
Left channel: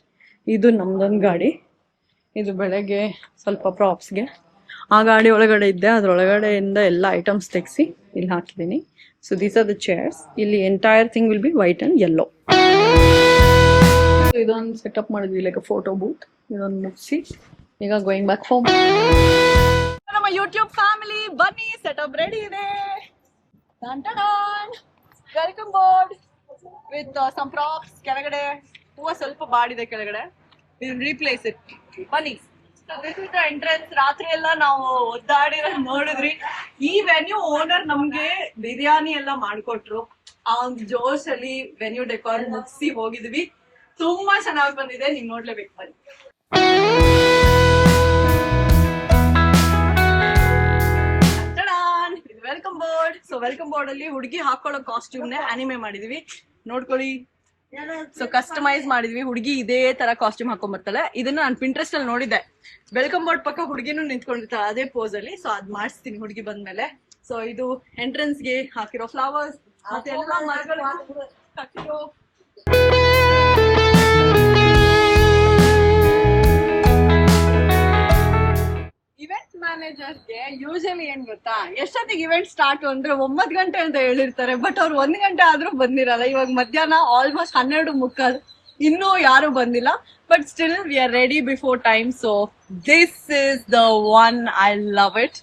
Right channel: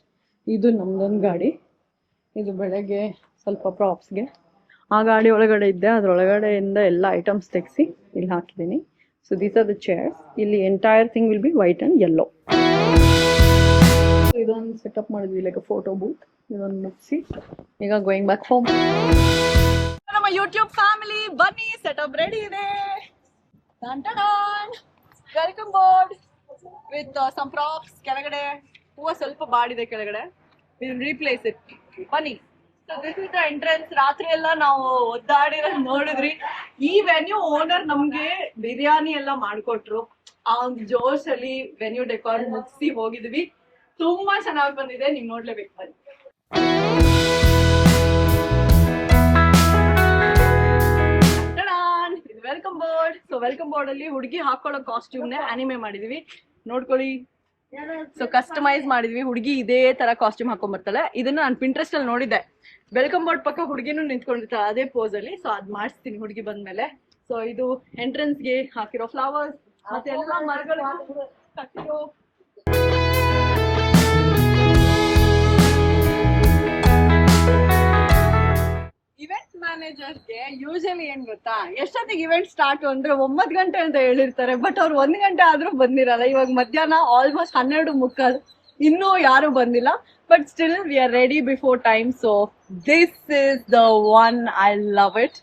ಇದು ನಮ್ದೊಂದು ಗಾಡಿ, ಇದು ಬೆಳಗ್ಗೆ ಸ್ವಲ್ಪ ಪ್ರಾಪ್ಸ್ಗೆ ಆ ಗಾಡಿ ಒಳಗಡೆ ಇದ್ದೆ, ಅದರೊಳಗಡೆಯಿಂದ ಎಲ್ಲ ಐಟಮ್ಸ್ ತೆಗೆಸಿ ಇಲ್ಲಿ ಹಾಕಿದ್ದೀನಿ. So these are the chairs. ಇಲ್ಲಿ entire thing will be white and yellow. ಇದೊಂದು ಸೆಟಪ್ ಮಾಡಿದ್ವಿ, ಲೈಕ್ ಫೋಟೋ ಬೂತ್. ಇದೊಂದು ಮುಗಿಸಿ ಈಗ ಗೋಯಿಂಗ್ ಬ್ಯಾಕ್ ಹೋಮ್. ನಮ್ಮ ಯೂಟ್ಯೂಬ್ ಫ್ಯಾಮಿಲಿ ಬನ್ನಿ, ಸೆಟಪ್ ರೆಡಿ ಇದೆ. Welcome board with some props. ಕೆಳಗಡೆ ಹೂವು ಸ್ವಲ್ಪ ಬಾಡಿದೆ, ಕೆಳಗಡೆ ರೀಪ್ಲೇಸ್ ಇಟ್. ಬನ್ನಿ. This is the entrance. ರಾತ್ರಿ ಎಲ್ಲ ನಾವು ಒದ್ದಾಡಿರೋದು ನೋಡಿದ್ರಿ. ಈ ವೆನ್ಯೂ ಓನರ್ ನಮ್ಗೆ ಬಿರಿಯಾನಿ ಎಲ್ಲ ಮಾಡ್ಕೊಟ್ರು. ಆ ಒಂದು ಜೋಶ್ ಅಲ್ಲಿ ವೆನ್ಯೂ ಡೆಕೋರ್ ಮುಗಿಸಿ ಹೋಗಿದ್ವಿ. ತುಂಬಾ ಚೆನ್ನಾಗಿ ಬಂದಿದೆ, ನೀವ್ ನೋಡ್ಲೇಬೇಕು. ಬನ್ನಿ. Welcome board. So welcome board ಅಲ್ಲಿ ಹುಡುಗಿ ಹಾಕೊಳ್ಳೋ ಕಾಸ್ಟ್ಯೂಮ್ ನೇ ಅನಿಮೆ ಮಾಡಿದೀವಿ, ನೋಡ್ಕೊಳ್ಳಿ. ಸೊ ಕಸ್ಟಮೈಸ್ ಮಾಡಿದ್ವಿ. ಹುಡುಗಿ ಇದೇ ತರ ಕಾಸ್ಟ್ಯೂಮ್ ಹಾಕೊಂಡ್ ಬರ್ತಾಳೆ. ಇದನ್ನ ನಾನು ಪಿಂಟ್ರೆಸ್ಟ್ ಅಲ್ಲಿ ನೋಡಿದ್ದೆ. ವೆಲ್ಕಮ್ ಬೋರ್ಡ್ ಪಕ್ಕ ಹುಡುಗಿನೂ ನಿಂತ್ಕೊಂಡಿರ್ತಾಳೆ ಅದೇ ಪೋಸ್ ಅಲ್ಲಿ. ಸೊ ಅದ್ ಮಾಡಿಸ್ತೀನಿ ಹುಡುಗಿ ಬಂದ್ಮೇಲೆ. ಸೊ ಇದು ಎಂಟ್ರೆನ್ಸ್ ಗೆ ಹಾಕಿರೋ ಫ್ಲವರ್ಸ್, ಮತ್ತೆ ಎಲ್ಲ ಮರಗಳು ಕಟ್ಟಿರೋ. ಇವೆಂಟ್ ಮ್ಯಾನೇಜರ್ಗೆ ಯೂಶಲಿ ಏನ್ ಗೊತ್ತಾ, ಎಷ್ಟೊತ್ತಿಗೆ ಇವೆಂಟ್ ಸ್ಟಾರ್ಟ್ ಅಂದ್ರೆ 9 ಗಂಟೆ ಅಂತ ಹೇಳಿರ್ತಾರೆ, ಬಟ್ ಅವ್ರು 1 ಗಂಟೆ ಆದ್ರೂ ಬಂದಿರಲ್ಲ. ಇವಾಗ ಮಧ್ಯಾಹ್ನ ಆಲ್ಮೋಸ್ಟ್ 12:15, ಇನ್ನೂ ಯಾರು ಬಂದಿಲ್ಲ. But still we are ready before time. So this is the one, I love it.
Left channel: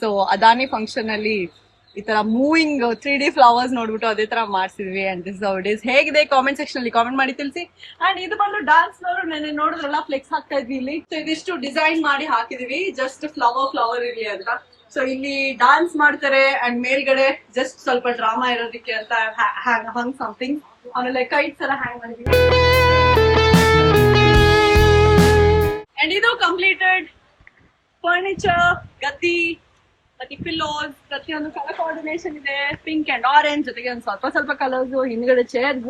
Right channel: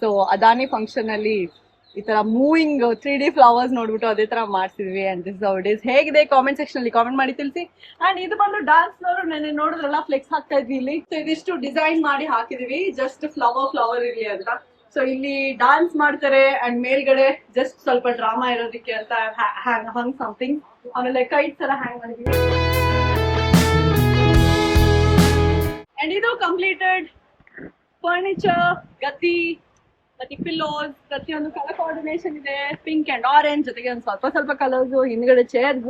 So Adani function ಅಲ್ಲಿ ಈ ತರ ಮೂವಿಂಗ್ 3D ಫ್ಲವರ್ಸ್ ನೋಡ್ಬಿಟ್ಟು ಅದೇ ತರ ಮಾಡ್ಸಿದ್ವಿ. And this how it is. ಹೇಗಿದೆ ಕಾಮೆಂಟ್ ಸೆಕ್ಷನ್ ಅಲ್ಲಿ ಕಾಮೆಂಟ್ ಮಾಡಿ ತಿಳಿಸಿ. ಅಂಡ್ ಇದು ಬಂದು ಡಾನ್ಸ್ ಫ್ಲೋರ್. ನೆನ್ನೆ ನೋಡಿದ್ರಲ್ಲ ಫ್ಲೆಕ್ಸ್ ಹಾಕ್ತಾ ಇದ್ವಿ ಇಲ್ಲಿ. ಸೊ ಇದಿಷ್ಟು ಡಿಸೈನ್ ಮಾಡಿ ಹಾಕಿದೀವಿ, ಜಸ್ಟ್ ಫ್ಲವರ್ ಇರ್ಲಿ ಅಂತ. ಸೊ ಇಲ್ಲಿ ಡಾನ್ಸ್ ಮಾಡ್ತಾರೆ ಅಂಡ್ ಮೇಲ್ಗಡೆ ಜಸ್ಟ್ ಸ್ವಲ್ಪ ಡ್ರಾಮಾ ಇರೋದಕ್ಕೆ ಅಂತ ಹಂಗ್ ಸಮಥಿಂಗ್. ಆಮೇಲೆ ಕೈಟ್ಸ್ ಎಲ್ಲ ಹ್ಯಾಂಗ್ ಮಾಡಿದ್ವಿ. ಅಂಡ್ ಇದು ಕಂಪ್ಲೀಟೆಡ್ ಫರ್ನಿಚರ್, ಗದ್ದಿ ಮತ್ತೆ ಪಿಲ್ಲೋಸ್, ಪ್ರತಿಯೊಂದು ಕಲರ್ ಕೋಆರ್ಡಿನೇಷನ್ ಇದೆ. ಪಿಂಕ್ ಅಂಡ್ ಆರೆಂಜ್ ಜೊತೆಗೆ ಒಂದು ಸ್ವಲ್ಪ ಕಲರ್ಸ್, ಹಿಂದ್ಗಡೆ ಚೇರ್ಸ್.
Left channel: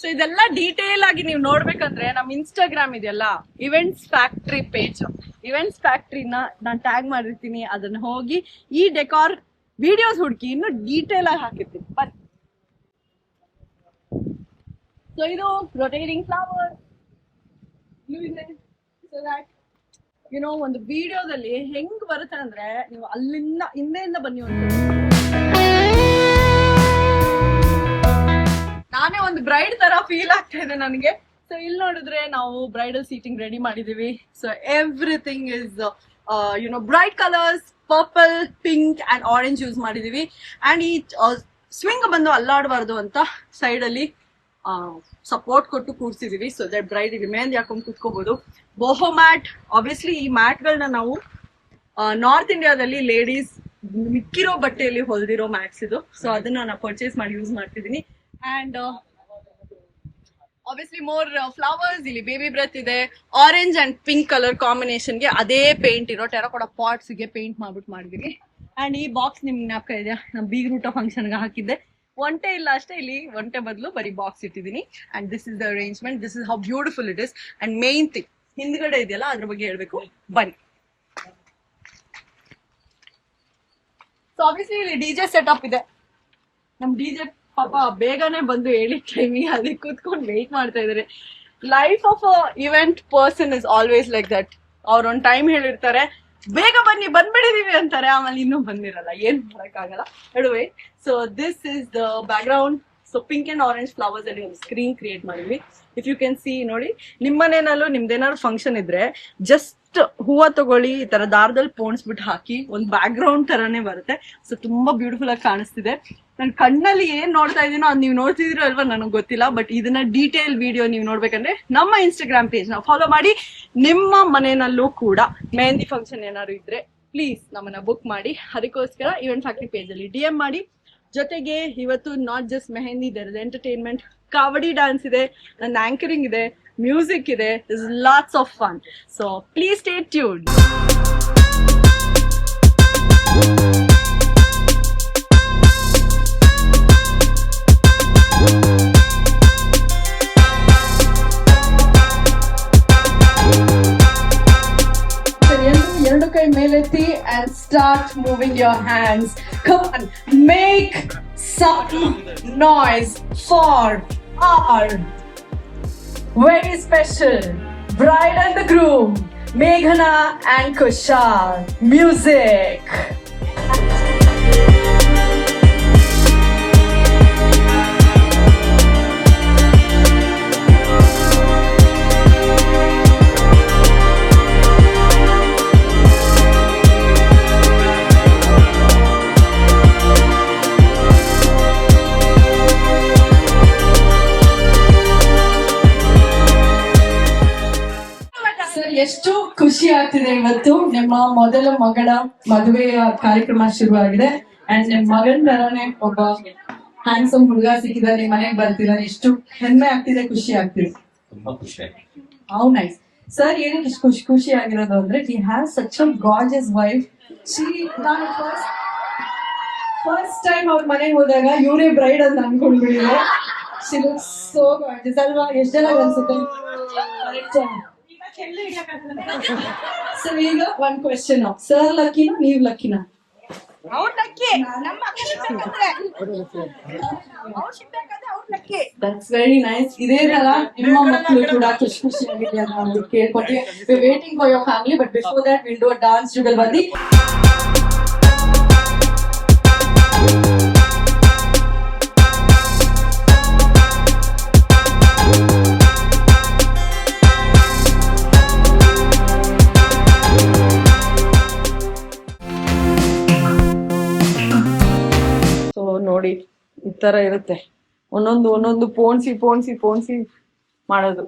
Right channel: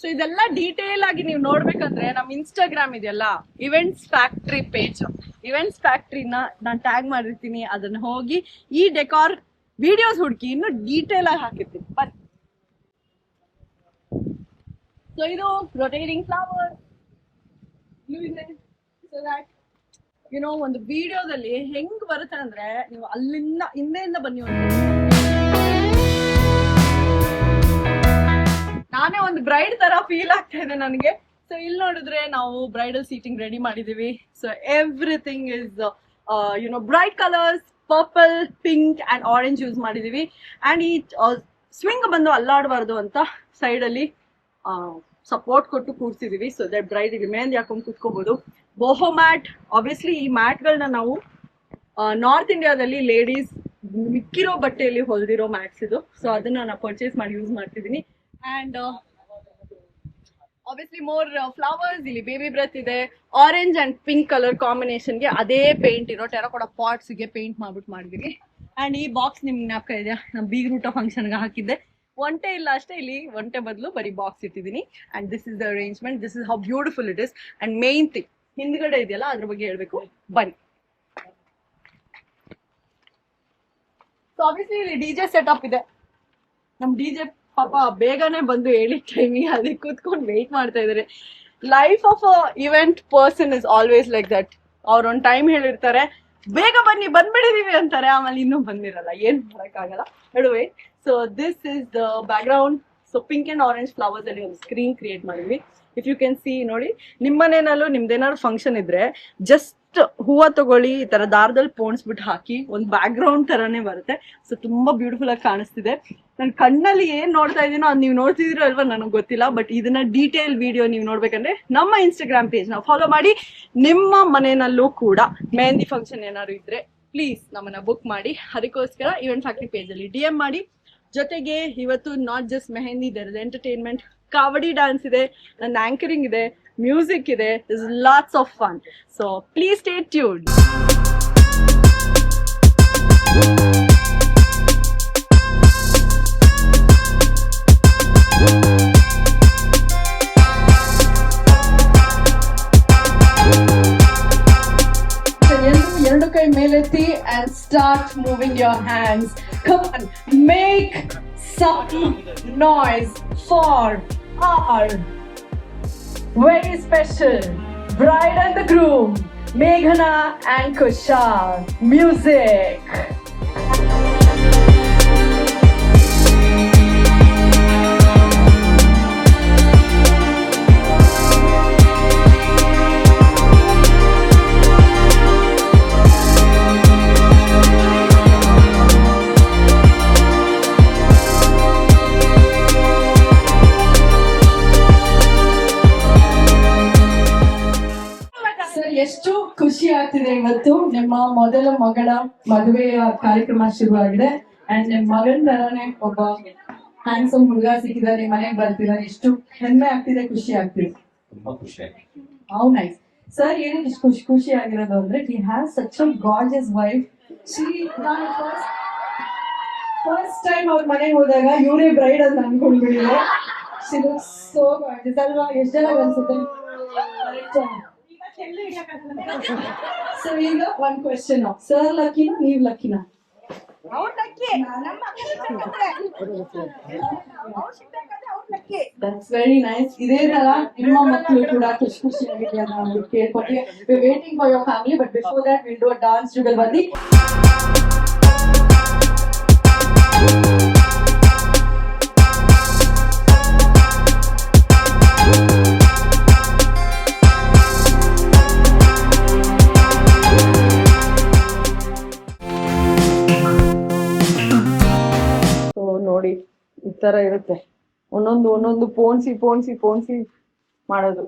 ಸೊ ಇದೆಲ್ಲ ಡೀಟೇಲ್ ಆಗಿ ನೀವು ನೋಡ್ಬೇಕಂದ್ರೆ ನಮ್ ಇನ್ಸ್ಟಾಗ್ರಾಮ್ ಇದೆಯಲ್ಲ, ಇವೆಂಟ್ಸ್ ಫ್ಯಾಕ್ಟ್ರಿ ಪೇಜ್. ಇವೆಂಟ್ಸ್ ಫ್ಯಾಕ್ಟ್ರಿನ ನಾನು ಟ್ಯಾಗ್ ಮಾಡಿರ್ತೀನಿ, ಅದನ್ನ ಹೋಗಿ ಈ ಡೆಕಾರ್ ವಿಡಿಯೋಸ್ ಹುಡುಕಿ ಇನ್ನು ಡೀಟೇಲ್ ಆಗಿ ಹಾಕಿರ್ತೀನಿ. ಬಟ್ ಸೊ ಇದು ರೊಟೇಟಿಂಗ್ ಫ್ಲವರ್ ಇದೆ. ಸೊ ದಟ್ ಯು ನೋ, ಒಂದು ವಿಡಿಯೋದಲ್ಲಿ ಹೆಂಗ್ ಬರುತ್ತೆ ಅಂದ್ರೆ ನೀವು ಅಲ್ಲಿಂದ ಹಿಂದೆಯಿಂದ ಬನ್ನಿ. ನಾನೇ ಒಂದು ಬ್ರೈಡ್ ತರ ಫೀಲ್ ಆಗ್ತಾ ಇದೆ ನನಗೆ. ಸೊ ಇಲ್ಲಿ ನೋಡಿದ್ರೆ ನಾವು ಬ್ರೈಡಲ್ ಸೀಟಿಂಗ್ ರೆಡಿ ಮಾಡಿದೀವಿ. So everything is bright colours, purple, pink and orange use ಮಾಡಿದೀವಿ. ಅಂಡ್ ಈ ಸ್ವಿಂಗ್ ಬಂದು ಅಲ್ಲಾಡಬಾರ್ದು ಅಂತ ಸೈಡ್ ಅಲ್ಲಿ ಸಪೋರ್ಟ್ ಕೊಟ್ಟು ಕೂರ್ಸಿದೀವಿ. ಸೊ ದಟ್ ಬ್ರೈಡಿಗೆ ಮೆಹಂದಿ ಹಾಕೊಂಡು ಕೂತ್ಕೋಬಹುದು. ಬೋಹೋ ಮ್ಯಾಟ್, ಆಬ್ವಿಯಸ್ಲಿ ಈ ಮ್ಯಾಟ್ಗಳನ್ನ ನಾವು ನಾರ್ತ್ ಇಂಡಿಯಾದಲ್ಲಿ ಲೇಡೀಸ್ ಮಿಕ್ಕಿರೋ ಬಟ್ಟೆಯಲ್ಲಿ ಹೊಲ್ದಿರೋ ಮ್ಯಾಟ್ಸ್ ಇದು. ಸೊ ಅದನ್ನ ನಾನು ಪರ್ಚೇಸ್ ಮಾಡಿ ಯೂಸ್ ಮಾಡ್ತಿದ್ದೀನಿ. ಅಂಡ್ ಆಬ್ವಿಯಸ್ಲಿ ಮೋರ್ ಫ್ಲವರ್ಸ್, ಇಲ್ಲಿ ಬೇಬಿ ಬ್ರೆತ್ ಇದೆ. ಆರೆಂಜ್ ಅಂಡ್ ಪಿಂಕ್ ಕಲರ್ ಕಾಂಬಿನೇಷನ್ಗೆ ಅದೇ ಪೇಂಟ್ ಇರೋ ಟೆರಕೋಟಾ ಪಾಟ್ಸ್ಗೆ ಪೇಂಟ್ ಮಾಡ್ಬಿಟ್ಟು ಮಾಡಿದೀವಿ. ಅಂಡ್ ಈ ಬಾಕ್ಸ್ ನಿಮ್ಗೆ ಜ್ಞಾಪಕ ಇದೆಯಾ, ನಮ್ಮ ಬೀಗ್ರೂಟ ಫಂಕ್ಷನ್ಗೆ ಹಾಕಿದ್ದೆ. ಒಂಟೆ ಇಲ್ಲ ಅಷ್ಟೇ, ಇಲ್ಲಿ ಒಂಟೆ ಬದಲು ಬರೀ ಬಾಕ್ಸ್ ಇಟ್ಟಿದ್ದೀನಿ. And this is the arrangement, this is how beautiful it is. And main thing ಹಿಂದ್ಗಡೆ ಇದೆಯಲ್ಲ ಅದ್ರ ಬಗ್ಗೆ ಹೇಳ್ಬೇಕು, ಬನ್ನಿ. ಸೊ ಆಬ್ವಿಯಸ್ಲಿ ಇಲ್ಲಿ ಡಿಜೆ ಸೆಟಪ್ ಇದೆ. ನಮ್ ಡಿಜೆ ಪಾಪ ಬೇಗನೆ ಬಂದು ಹೇಳಿ ಟೈಮಿಗೆ ಅದಕ್ಕೆ ಕೂತ್ಕೊಂಡು ವೆಯ್ಟ್ ಮಾಡ್ತಾ ಇದಾರೆ. Life of a event person is always like that. ಅವ್ರ ಒಂದು ಟೈಮ್ ಹೇಳಿರ್ತಾರೆ, ಬೇಗ ಬನ್ನಿ ಬಂದ್ಬಿಡಿದೀವಿ ಅಂತಾರೆ, ಆಮೇಲೆ ಇನ್ನೂ ಬಂದಿರಲ್ಲ, ಏನ್ ಮಾಡಕ್ಕಾಗಲ್ಲ. ನಡುವೆ so this is the back ground. So pink and orange flowers ಅಲ್ಲಿ ಒಂದು ಸ್ಕ್ರೀನ್ ಕ್ರಿಯೇಟ್ ಮಾಡಿದ್ವಿ. ಇಫ್ ಯು ಕ್ಯಾನ್ ಸಿ, ನೋಡಿ ನಿಮ್ಮ ಮನೇನಲ್ಲೂ ನಿಮ್ದೇನಾದ್ರು ಫಂಕ್ಷನ್ ಇದ್ರೆ ಜಸ್ಟ್ ಹೂವ ತಗೊಳ್ಳಿ, ಈ ತರ ದಾರದಲ್ಲಿ ಪೋಣಿಸ್ಬಿಟ್ಟು ಹಾಕಿ, ಒಂದು ಬ್ಯಾಕ್ ಗ್ರೌಂಡ್ ತರಾನೇ ಬರುತ್ತೆ. ಸೊ ತುಂಬಾ ಬ್ಯೂಟಿಫುಲ್ ಆಗಿ ಕಾಣಿಸ್ತಿದೆ. ನನ್ ಕಣ್ಣಲ್ಲಿ ಏನ್ ನೋಡ್ತಾ ಇದೀನೋ ಅದ್ ನೀವು ನೋಡ್ತಿದಿರೋ ಅಲ್ವಾ ನನಗೆ ಗೊತ್ತಿಲ್ಲ, ಬಟ್ ಇದನ್ನ ಡೀಟೇಲ್ ವಿಡಿಯೋ ನೀವು ನೋಡ್ಬೇಕಂದ್ರೆ ನಮ್ಮ ಇನ್ಸ್ಟಾಗ್ರಾಮ್ ಪೇಜ್ ನ ಫಾಲೋ ಮಾಡಿ. ನಿಮ್ಮ ಮನೆಯಲ್ಲೂ ಕೂಡ ಮೆಹಂದಿ ಫಂಕ್ಷನ್ ಏನಾದ್ರು ಇದ್ರೆ ಪ್ಲೀಸ್ ನಮ್ಮನ್ನ ಬುಕ್ ಮಾಡಿ. ಅದಕ್ಕೋಸ್ಕರ ಇವೆಂಟ್ ಫ್ಯಾಕ್ಟ್ರಿ ಪೇಜ್ ಅಲ್ಲಿ DM ಮಾಡಿ. ಜೊತೆಗೆ ಇವತ್ತು not just mehndi, there is entertainment, Kavadi dance ಇದೆ, ನನ್ನ ಆಂಕರಿಂಗ್ ಇದೆ, ಮ್ಯೂಸಿಕ್ ಇದೆ, this lots of fun. So please stay tuned. ಎರಡು ಕೈ ಮೇಲೆತ್ತಿ and start moving your hands. Come on, make some noise for our very special bride and the groom, Meghana and Kushal. Music. ಎಷ್ಟು ಖುಷಿ ಆಗ್ತಿದೆ ಇವತ್ತು. ನಿಮ್ಮ ಮೊದಲ ಮಗಳ ಮದುವೆಯ ಕಾರ್ಯಕ್ರಮ ಶುರುವಾಗಿದೆ. ಅಂಡ್ ನಿಮ್ ಮಗನ್ ತರಾನೇ ಒಬ್ಬ ಹ್ಯಾಂಡ್ಸಮ್ ಹುಡುಗ ಸಿಕ್ಕಿದಾರೆ, ಮನೆಗೆ ಬರ್ತಿದ್ದಾರೆ. ಎಷ್ಟು ಹೆಮ್ಮೆ ಆಗ್ತಿದೆ, ಖುಷಿ ಆಗ್ತಿದೆ. How nice. ಸರ್ ಏನಕ್ಕೆ ಇಷ್ಟು ಖುಷಿ ಆಗಿರೋದು ಅಂದ್ರೆ, he has such a gorgeous wife. ನಾನು ಫಸ್ಟ್ ಟೈಮ್ ಅವ್ರ ಮನೆಗೆ ಹೋದಾಗ ಇವರೇ ಬ್ರೈಡ್ ಅಂತ ಅನ್ಕೊಂಡ್ಬಿಟ್ಟಿದೆ. ಶಿ ಲುಕ್ಸ್ ಸೋ ಗಾರ್ಜಿಯಸ್ ಅಲ್ವಾ? ಎಷ್ಟು ಜನ ಅನ್ಸುತ್ತೆ? ಸೊ ಈಗ ಒಂದ್ ಕ್ವೆಶ್ಚನ್, ಸರ್ ಲಕ್ಕಿನಾ ನೀವ್ ಲಕ್ಕಿನಾ? That's very nice. ಇದೇ ತರ ನಿಮ್ಮ ಮಕ್ಕಳು ಕೂಡ ಖುಷಿ ಖುಷಿಯಾಗಿದೆಯಾ ಅಂತ ಕೇಳ್ಕೊತೀವಿ. We waiting for your family, but before that will do a dance jugalbandi. ನೋಡಿ ಈ ತರ ಇರುತ್ತೆ, ಒಂದೊಂದು ಪೋಣಿಸಿ ಮಾಡೋದು.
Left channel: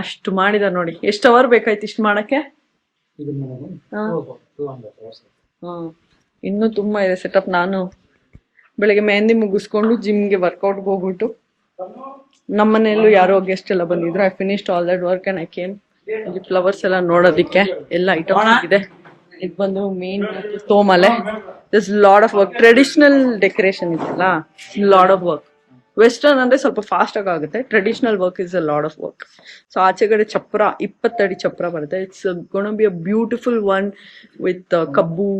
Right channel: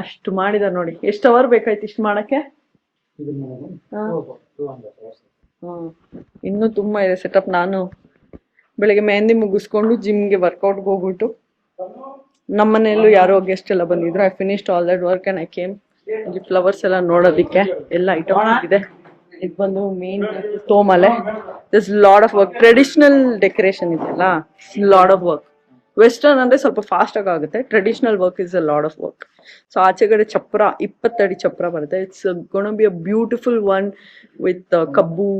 ಅಷ್ಟು ಮಾಡಿದ ನೋಡಿ. ಎಷ್ಟು ಅವರ್ ಬೇಕಾಯ್ತು ಇಷ್ಟು ಮಾಡಕ್ಕೆ? ಇನ್ನೂ ತುಂಬಾ ಇದೆ ಸೆಟಪ್. ನಾನು ಬೆಳಿಗ್ಗೆ ಮೆಹಂದಿ ಮುಗಿಸ್ಕೊಂಡು ಜಿಮ್ಗೆ ವರ್ಕೌಟ್ಗೆ ಹೋಗ್ಬಿಟ್ಟು, ನಮ್ಮನೆಯಲ್ಲೂ ಯಾರೋ ಗೆಸ್ಟ್ ಎಲ್ಲ ಬಂದಿದ್ರು. I finished all that work and I came. ಇಲ್ಲಿ ಫ್ಲವರ್ಸ್ ಎಲ್ಲ ನೋಡೋದಿಕ್ಕೆ ಎಲ್ಲ ಐಟಮ್ ಇದೆ. ಇದು ಬಂದು ಮೇನ್ ತೋಮಲೆ. This lot of work. Traditional decoration ಇದೆಲ್ಲ, ಲಾಡ್ ಆಫ್ ವರ್ಕ್. ವೆಸ್ಟರ್ನ್ ಅಂದ್ರೆ ಸ್ವಲ್ಪ ಫಾಸ್ಟ್ ಆಗುತ್ತೆ. Traditional work is a lot of work. So ಆಚೆಗಡೆ ಚಪ್ರ 20 ಅಡಿ ಚಪ್ರ ಬರುತ್ತೆ. It's gonna be a beautiful one with ಕಬ್ಬು,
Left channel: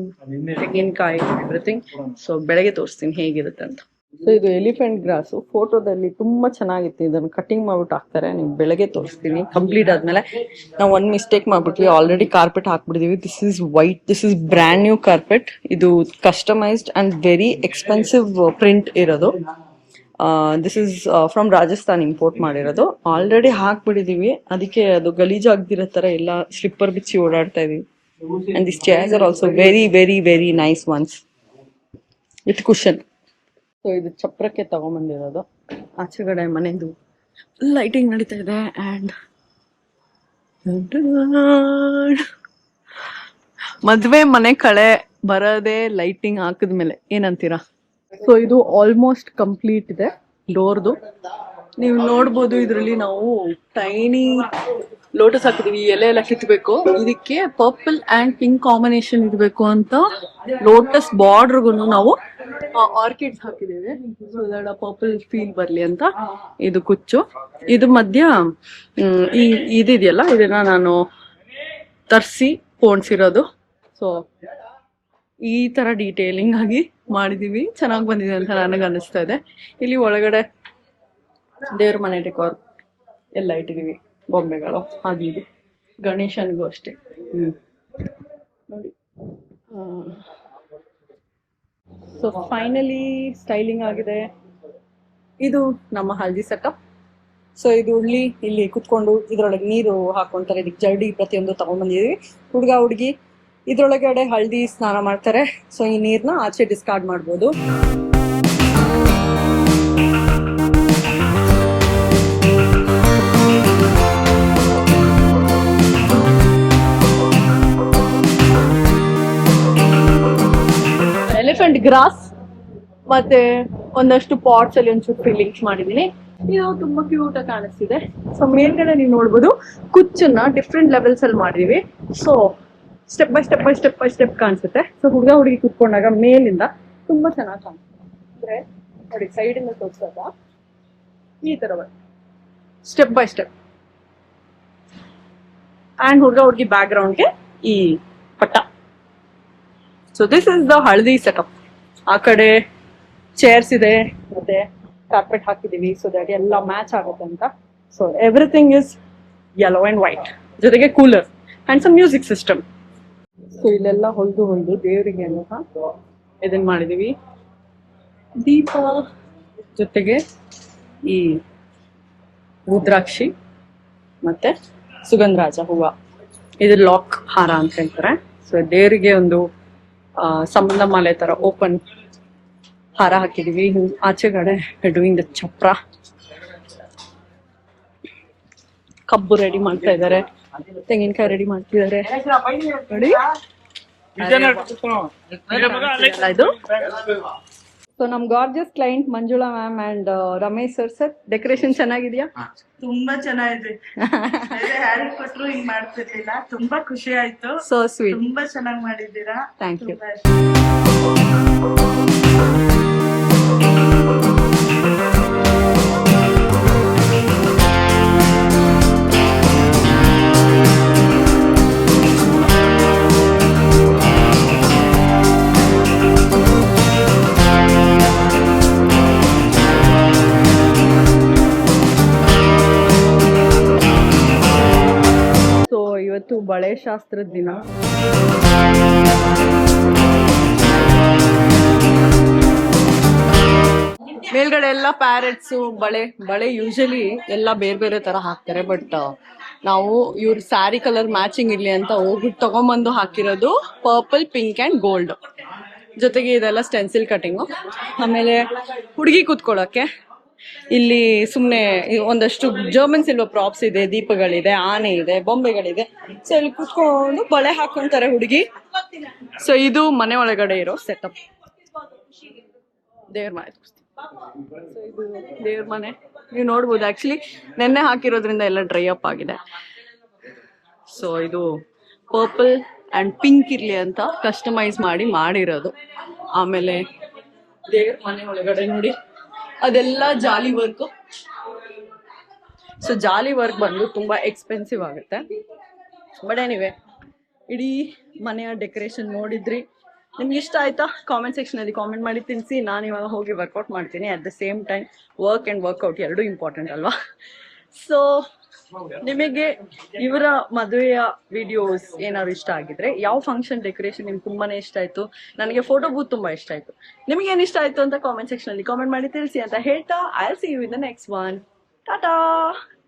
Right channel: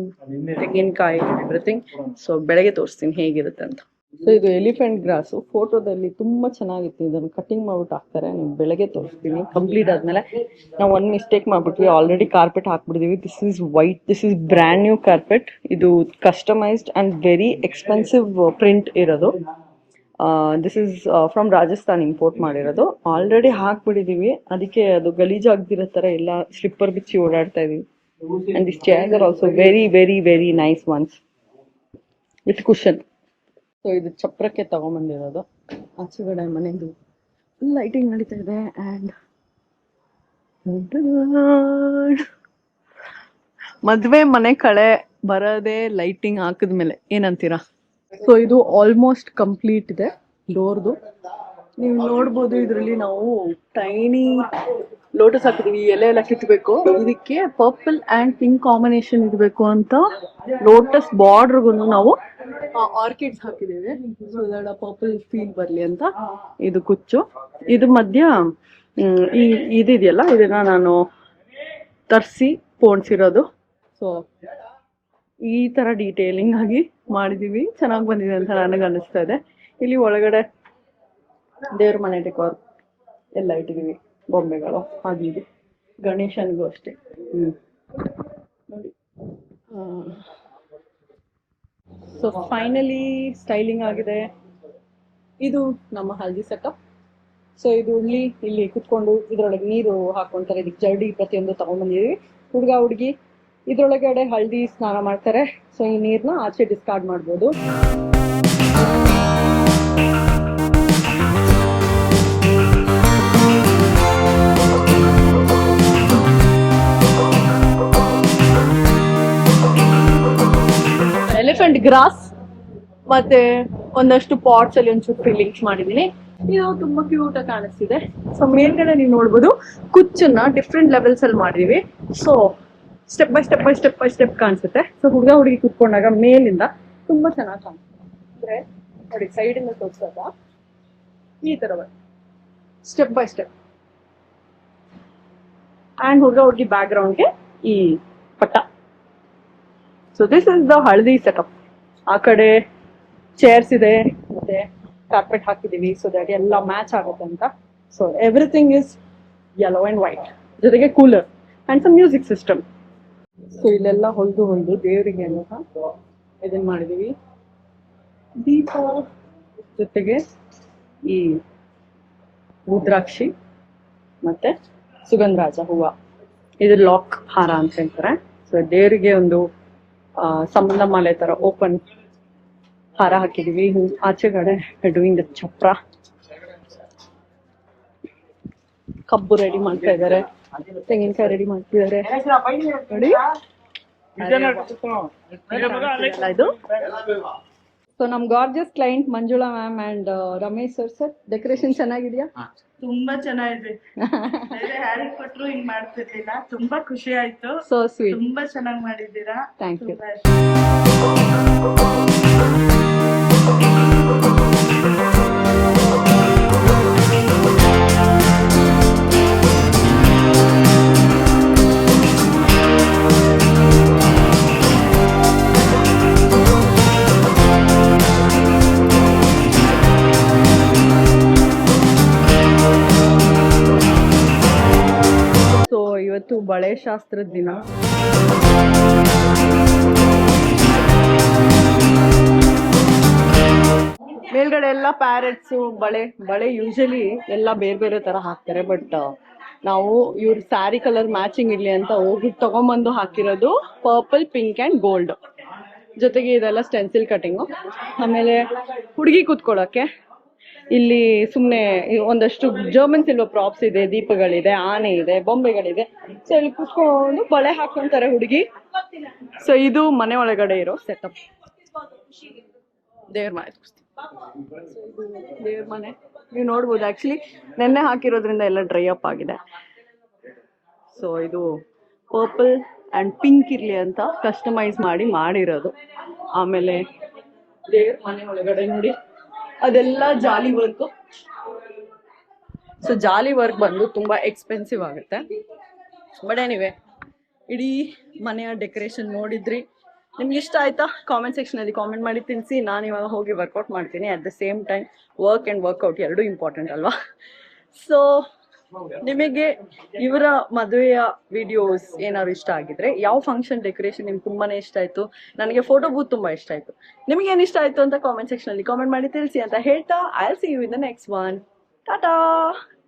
ತೆಂಗಿನಕಾಯಿ, ಎವ್ರಿಥಿಂಗ್. ಸೊ ಬೆಳಗ್ಗೆ ತೋರಿಸ್ತೀನಿ ಹೇಗಿರುತ್ತೆ ಅಂತ. ಸೊ ಇದು ಎಲಿಫೆಂಟ್ ಗ್ರಾಸು. ಫೋಟೋದಲ್ಲಿ ತುಂಬಾ ಚೆನ್ನಾಗಿತ್ತು. ಇದನ್ನು ಕಟಿಂಗ್ ಮಾಡ್ಬಿಟ್ಟು ಹಾಕ್ತಾರೆ. ನೀವು ಬೆಳಗ್ಗೆ ತೋರಿಸ್ತೀನಿ ಕಂಪ್ಲೀಟ್ ಆದ್ಮೇಲೆ. ನಾವು ಒಂದು ಮಿಸ್ಟೇಕ್ ಮಾಡ್ಬಿಟ್ವಿ, ಆಲ್ರೆಡಿ ಕಾರ್ಪೆಟ್ ಹಾಕ್ಬಿಟ್ಟಿದೀವಿ. This is white, this is brand new carpet. ಇದು customized and very expensive print ಇರೋದು. This is from Rajasthan import ಮಾಡಿರೋದು. ಆಲ್ರೆಡಿ ಹಾಕ್ಬಿಟ್ಟಿದೀವಿ, ಅದಕ್ಕೆ ಅದು ಗಲೀಜಾಗ್ದಿರೋ ಥರ ಎಲ್ಲ ಸ್ಲಿಪ್ಪರ್ ಬಿಚ್ಚಿ ಓಡಾಡ್ತಾ ಇದೀವಿ. And this chairs are also very very very nice ones with cushion. So ಇದು ಚಪ್ರಕ್ಕೆ ತಗೊಂಬಂದಿರೋದು. ಆಚೆಗಡೆ ಮನೆದು ಲೈಟಿಂಗ್ ನಡೀತಾ ಇದೆ. ಆ್ಯಂಡ್ ಮದ್ವೆ ಮನೆ ಕಳೆ ಬರದೆ ಲೈಟಿಂಗ್ ಹಾಕಿದ್ಮೇಲೆ ಏನಂತೀರಾ? ಸೊ ಇದು ಆಲ್ಮೋಸ್ಟ್ ಕಂಪ್ಲೀಟ್ ಇದೆ ಡೋರ್ದು. ನೀವು ನೋಡ್ಬೋದು ಇದರಲ್ಲಿ ನಾವು ಟೈನಿ ಲೋಟಸ್ ಹಾಕಿದೀವಿ. ಎಲೆ ಎಲ್ಲ ಕಿತ್ಬೇಕು. ಇದಕ್ಕೆ ಪರ್ಪಲ್ ಅಂಡ್ ಪಿಂಕ್ ಕಾಂಬಿನೇಷನ್ ಇರಬೇಕು ಅಂತ ಲೋಟಸ್ ಬಾರ್ಡರ್ಗು ನಾವು ಆರ್ಕಿಡ್ಸ್ ಹಾಕಿದ್ದೀವಿ. ಸೊ ದಟ್ ಪರ್ಪಲ್ ಫೀಲ್ ಬರ್ಲಿ ಅಂತ ಇದು ಕುಚ್ಚು. ಇದು ಮಧ್ಯ ಈ ಇದಿದೆಯಲ್ಲ, ಇದನ್ನ ನಾನು ತರಿಸಿ ಪೋಣಿಸಿರೋದು. ಸೊ ಈ ತರ ಡೀಟೇಲಿಂಗ್ ಆಗಿ ಮಾಡಿದೀವಿ. ಚೆನ್ನಾಗಿ ಬಂದಿದೆ ಅಂತ ನನಗೆ ಅನಿಸ್ತಾ ಇದೆ. ಇಲ್ಲಿ ಒಳಗಡೆ ದೇವ್ರ ಮನೆ ಡೆಕೋರ್ ಎಲ್ಲ ಇಟ್ಟಿದೀವಿ, ಬೊಂಬೆಗಳು ಅದು ಇದು. ಗಣೇಶನಿಗೂ ಅಷ್ಟೇ. ನೋಡಿ. ಸೊ ಫೈನಲಿ ಸ್ಟೈಲಿಂಗ್ ಆಗಿದೆ. ಇದು ನಮ್ಮ ಹಲ್ದಿ ಸೆಟಪ್. ಸೊ ಇದು ಇಲ್ಲಿ ಕುತ್ಕೊಂಡು ಇದ್ರೊಳಗೆ ನೀರು ಹಾಕೊಂತಾರೆ. ಇದಕ್ಕೆ ಜರಡಿ ಪ್ರತಿಯೊಂದು ತಗೊಂಡ್ಬಂದಿದೀವಿ. ಹುಡುಗ ಹುಡುಗಿ ಇದ್ರೊಳಗಡೆ ಹಲ್ದಿ ಸ್ನಾನ ಮಾಡ್ತಾರೆ. ಸೊ ಈ ನೀರ್ನ ಆಚೆ ಡಿಸ್ಕಾರ್ಡ್ ಮಾಡ್ಬೋದು. ಎಲಿಫೆಂಟ್ ಗ್ರಾಸ್ ಮತ್ತೆ ಒಂದಷ್ಟು ಪಾಟ್ಸ್ ಅಲ್ಲಿ ಒಂಚೂರು ಫಿಲ್ಲಿಂಗ್ಸ್ ಮಾಡಿದೀನಿ. ಇದು ತುಂಬಾ ಕ್ಯೂಟ್ ಆಗಿ ಕಾಣಿಸ್ತಿದೆ. ಸೊ ಮೇಲ್ಗಡೆ ನೀವು ನೋಡ್ಬೋದು ಕುಚ್ಚನ್ನ ಡಿಫ್ರೆಂಟ್ ಲೆವೆಲ್ಸ್ ಅಲ್ಲಿ ಮಾಡಿದೀವಿ. ಸೊ ಸ್ಟೆಪ್ ಬೈ ಸ್ಟೆಪ್ ಕಾಣಿಸುತ್ತೆ. ಸೊ ಹುಡುಗ ಹುಡುಗಿ ಕುತ್ಕೊಂಡಾಗ ಮೇಲಿಂದ ತುಂಬಾ ಚೆನ್ನಾಗಿ ಕಾಣಿಸುತ್ತೆ. ಅಂದ್ರೆ ನೋಡಿ, ಸೈಡ್ ಇಂದ ತೋರಿಸಿದಾಗ ಈ ತರ ಸ್ಟೆಪ್ ಬೈ ಸ್ಟೆಪ್. ಅಂಡ್ ಹುಡುಗ ಹುಡುಗಿ ಬ್ಯಾಕ್ ಗ್ರೌಂಡ್ಗೆ ಈ ಪಟ್ಟ. ಸೊ ದಿಸ್ ಇಸ್ ದ ಹಳದಿ ಸೆಟಪ್. ಆ ಕಡೆ ಚೇರ್ಸ್ ಇದೆ, ಮತ್ತೆ ಕಾರ್ಪೆಟ್ ಹಾಕಿದೀವಿ ಸೊ ದಟ್ ಎಲ್ಲ ಮ್ಯಾಚ್ ಆಗುತ್ತೆ ಅಂತ. So everything is yellow and white, ಜೊತೆಗೆ cooler and some music system. So ಇಲ್ಲೆಲ್ಲ ಹೊಲ್ದು ದೇವರಿಗೆ ಇದನ್ನ ಮಾಡಿದೀವಿ. ದೀಪ ಜೊತೆಗೆ ಈ ರುದ್ರಾಕ್ಷಿ ಮತ್ತೆ ಸುಗಂಧರಾಜ ಹೂವ, ಇದು ಲಾಕ್ ಹಾರ ಅಂತ ಹೇಳ್ತಾರೆ. ಸೊ ದೇವರಿಗೆ ಒಂದು ಸಂಬಂಧ ಮಾಲೆ ತರ ಓಪನ್ ಹಾರ ಹಾಕಿದೀವಿ. ಆಚೆಗಡೆ ಡೂಯಿಂಗ್ ದ ಚಪ್ರ. ಕಬ್ಬು ರೆಡಿ ಮಾಡ್ತಾ ಇದಾರೆ, ತೆಂಗಿನಕಾಯಿ ರೆಡಿ ಮಾಡ್ತಿದ್ದಾರೆ ನೋಡಿ. ಇದು ಸೊ ನಮ್ gorgeous client Manjula ma'am and Ramesh sir decoration ಚೆನ್ನಾಗಿದ್ಯಾ? ತುಂಬಾ ಚೆನ್ನಾಗಿದೆ. ಯಾರು ಕೊಟ್ರು ಹಿಂಗ್ ಮಾಡ್ತಿರ್ಲಿಲ್ಲ. ತುಂಬಾ ಖುಷಿ ಆಯ್ತು. So sweet. ತುಂಬಾ ಚೆನ್ನಾಗಿ ಮಾಡಿದ್ದೀರಾ. Thank you. ಇವತ್ತು ಬಳೆ ಶಾಸ್ತ್ರದ ದಿನ. ಮೇಲ್ಗಡೆ ಎಲ್ಲ ಪ್ಯಾರೆಟ್ಸು ಬಳೆ ಯೂಶಲಿ ಎಲ್ಲ ಬೇರೆ ಬೇರೆ ತರ ಹಾಕ್ತಾರೆ. ಬಟ್ ನಾವು ಇವ್ರ ಸ್ಯಾರಿ ಕಲರ್ ಮ್ಯಾಚಿಂಗ್ ಇರ್ಲಿ ಅಂತ ಹೋಗ್ಬಿಟ್ಟು ತಗೊಂಬಂದು ಹಾಕಿರೋದು ಪರ್ಪಲ್, ಪಿಂಕ್ ಅಂಡ್ ಗೋಲ್ಡ್. ಜೊತೆಗೆ ಇದೆಲ್ಲ ಸ್ಟೆನ್ಸಿಲ್ ಕಟಿಂಗು. ಆಮೇಲೆ ಹುಡುಗಿ ಕೂತ್ಕೊಳ್ಳೋಕೆ ಇಲ್ಲಿ ಸುಮ್ಮನೆ ಒಂದಷ್ಟು ಜರ್ಮನ್ ಸಿಲ್ವರ್ ಪ್ರಾಪ್ಸ್ ಇದೆ, ದೀಪಗಳಿದೆ, ಆನೆ ಇದೆ, ಬೊಂಬೆಗಳಿದೆ. ಸೊ ಇಲ್ಲಿ ಕೂತ್ಕೊಂಡು ಬಳೆ ಹಾಕೊಂತಾರೆ ಹುಡುಗಿ. ಸೊ ಇದು ಮನೆ ಒಳಗಡೆ ಇರೋ ಸೆಟಪ್. ದೇವ್ರ ಮನೆ ತೋರಿಸ್ತೀನಿ. ಸೊ ಇದು ದೇವ್ರ ಮನೆ ನೀವು ನೋಡ್ಬೋದು. ಆಕ್ಚುಲಿ ನೆನ್ನೆ ಹಾಕಿರೋದ್ರಿಂದ ಎಲ್ಲ ಡ್ರೈ ಅಪ್ ಆಗಿದೆ. ಸೊ ಇದು ಪರ್ಪಲ್ ಅಂಡ್ ಪಿಂಕ್ ಇರ್ಲಿ ಅಂತ ಕಸ್ಟಮೈಸ್ ಮಾಡಿರೋದು. ಆಮೇಲೆ ದೇವ್ರ ಮನೆ ಒಳಗಡೆ ನೋಡಿ ಅದೆಲ್ಲ ಜಾಲಿ ವರ್ಕ್. ಸೊ ಜಾಲಿ ವರ್ಕ್ ಬಂದು ತುಂಬಾ ಎಕ್ಸ್ಪೆನ್ಸಿವ್ ಆಗುತ್ತೆ. ಬಟ್ ಎನಿವೆ, ಇಡೀ ಮನೆಯ ಡೆಕೋರೇಷನ್ ನೋಡಿದ್ರಿ, ನಿಮ್ಗೆ ಇಷ್ಟ ಆಯ್ತಾ? ಕಾಮೆಂಟ್ ಸೆಕ್ಷನ್ ಅಲ್ಲಿ ಕಾಮೆಂಟ್ ಮಾಡಿ ತಿಳಿಸಿ. ನಾನು ಇವಾಗ ಹೋಗಿ ವರ್ಕೌಟ್ ಮಾಡ್ತೀನಿ. At the same time work and workout ಎರಡೂ ಇಂಪಾರ್ಟೆಂಟ್ ಅಲ್ವಾ? ಸೊ ನಿಮಗೆ ಇವರ ಮದುವೆಯ ವಿಡಿಯೋಸ್ ಏನಾದ್ರು ಇಷ್ಟ ಆಗಿದ್ರೆ ಯಾವ ಫಂಕ್ಷನ್ ಡೆಕೋರೇಷನ್ ನಿಮ್ಗೆ ತುಂಬಾನೇ ಇಷ್ಟ ಆಯ್ತು, ನನಗೆ ಫೋಟೋ ಬೂತ್ ತುಂಬಾ ಇಷ್ಟ ಆಯ್ತು, ನಿಮ್ಗೆ ಏನ್ ಇಷ್ಟ ಆಯ್ತು ಅಂತ ಕಾಮೆಂಟ್ ಸೆಕ್ಷನ್ ಅಲ್ಲಿ ಕಾಮೆಂಟ್ ಮಾಡಿ ತಿಳಿಸಿ ಅಂತ ಹೇಳ್ತಾ I will see you in the next one. Tata.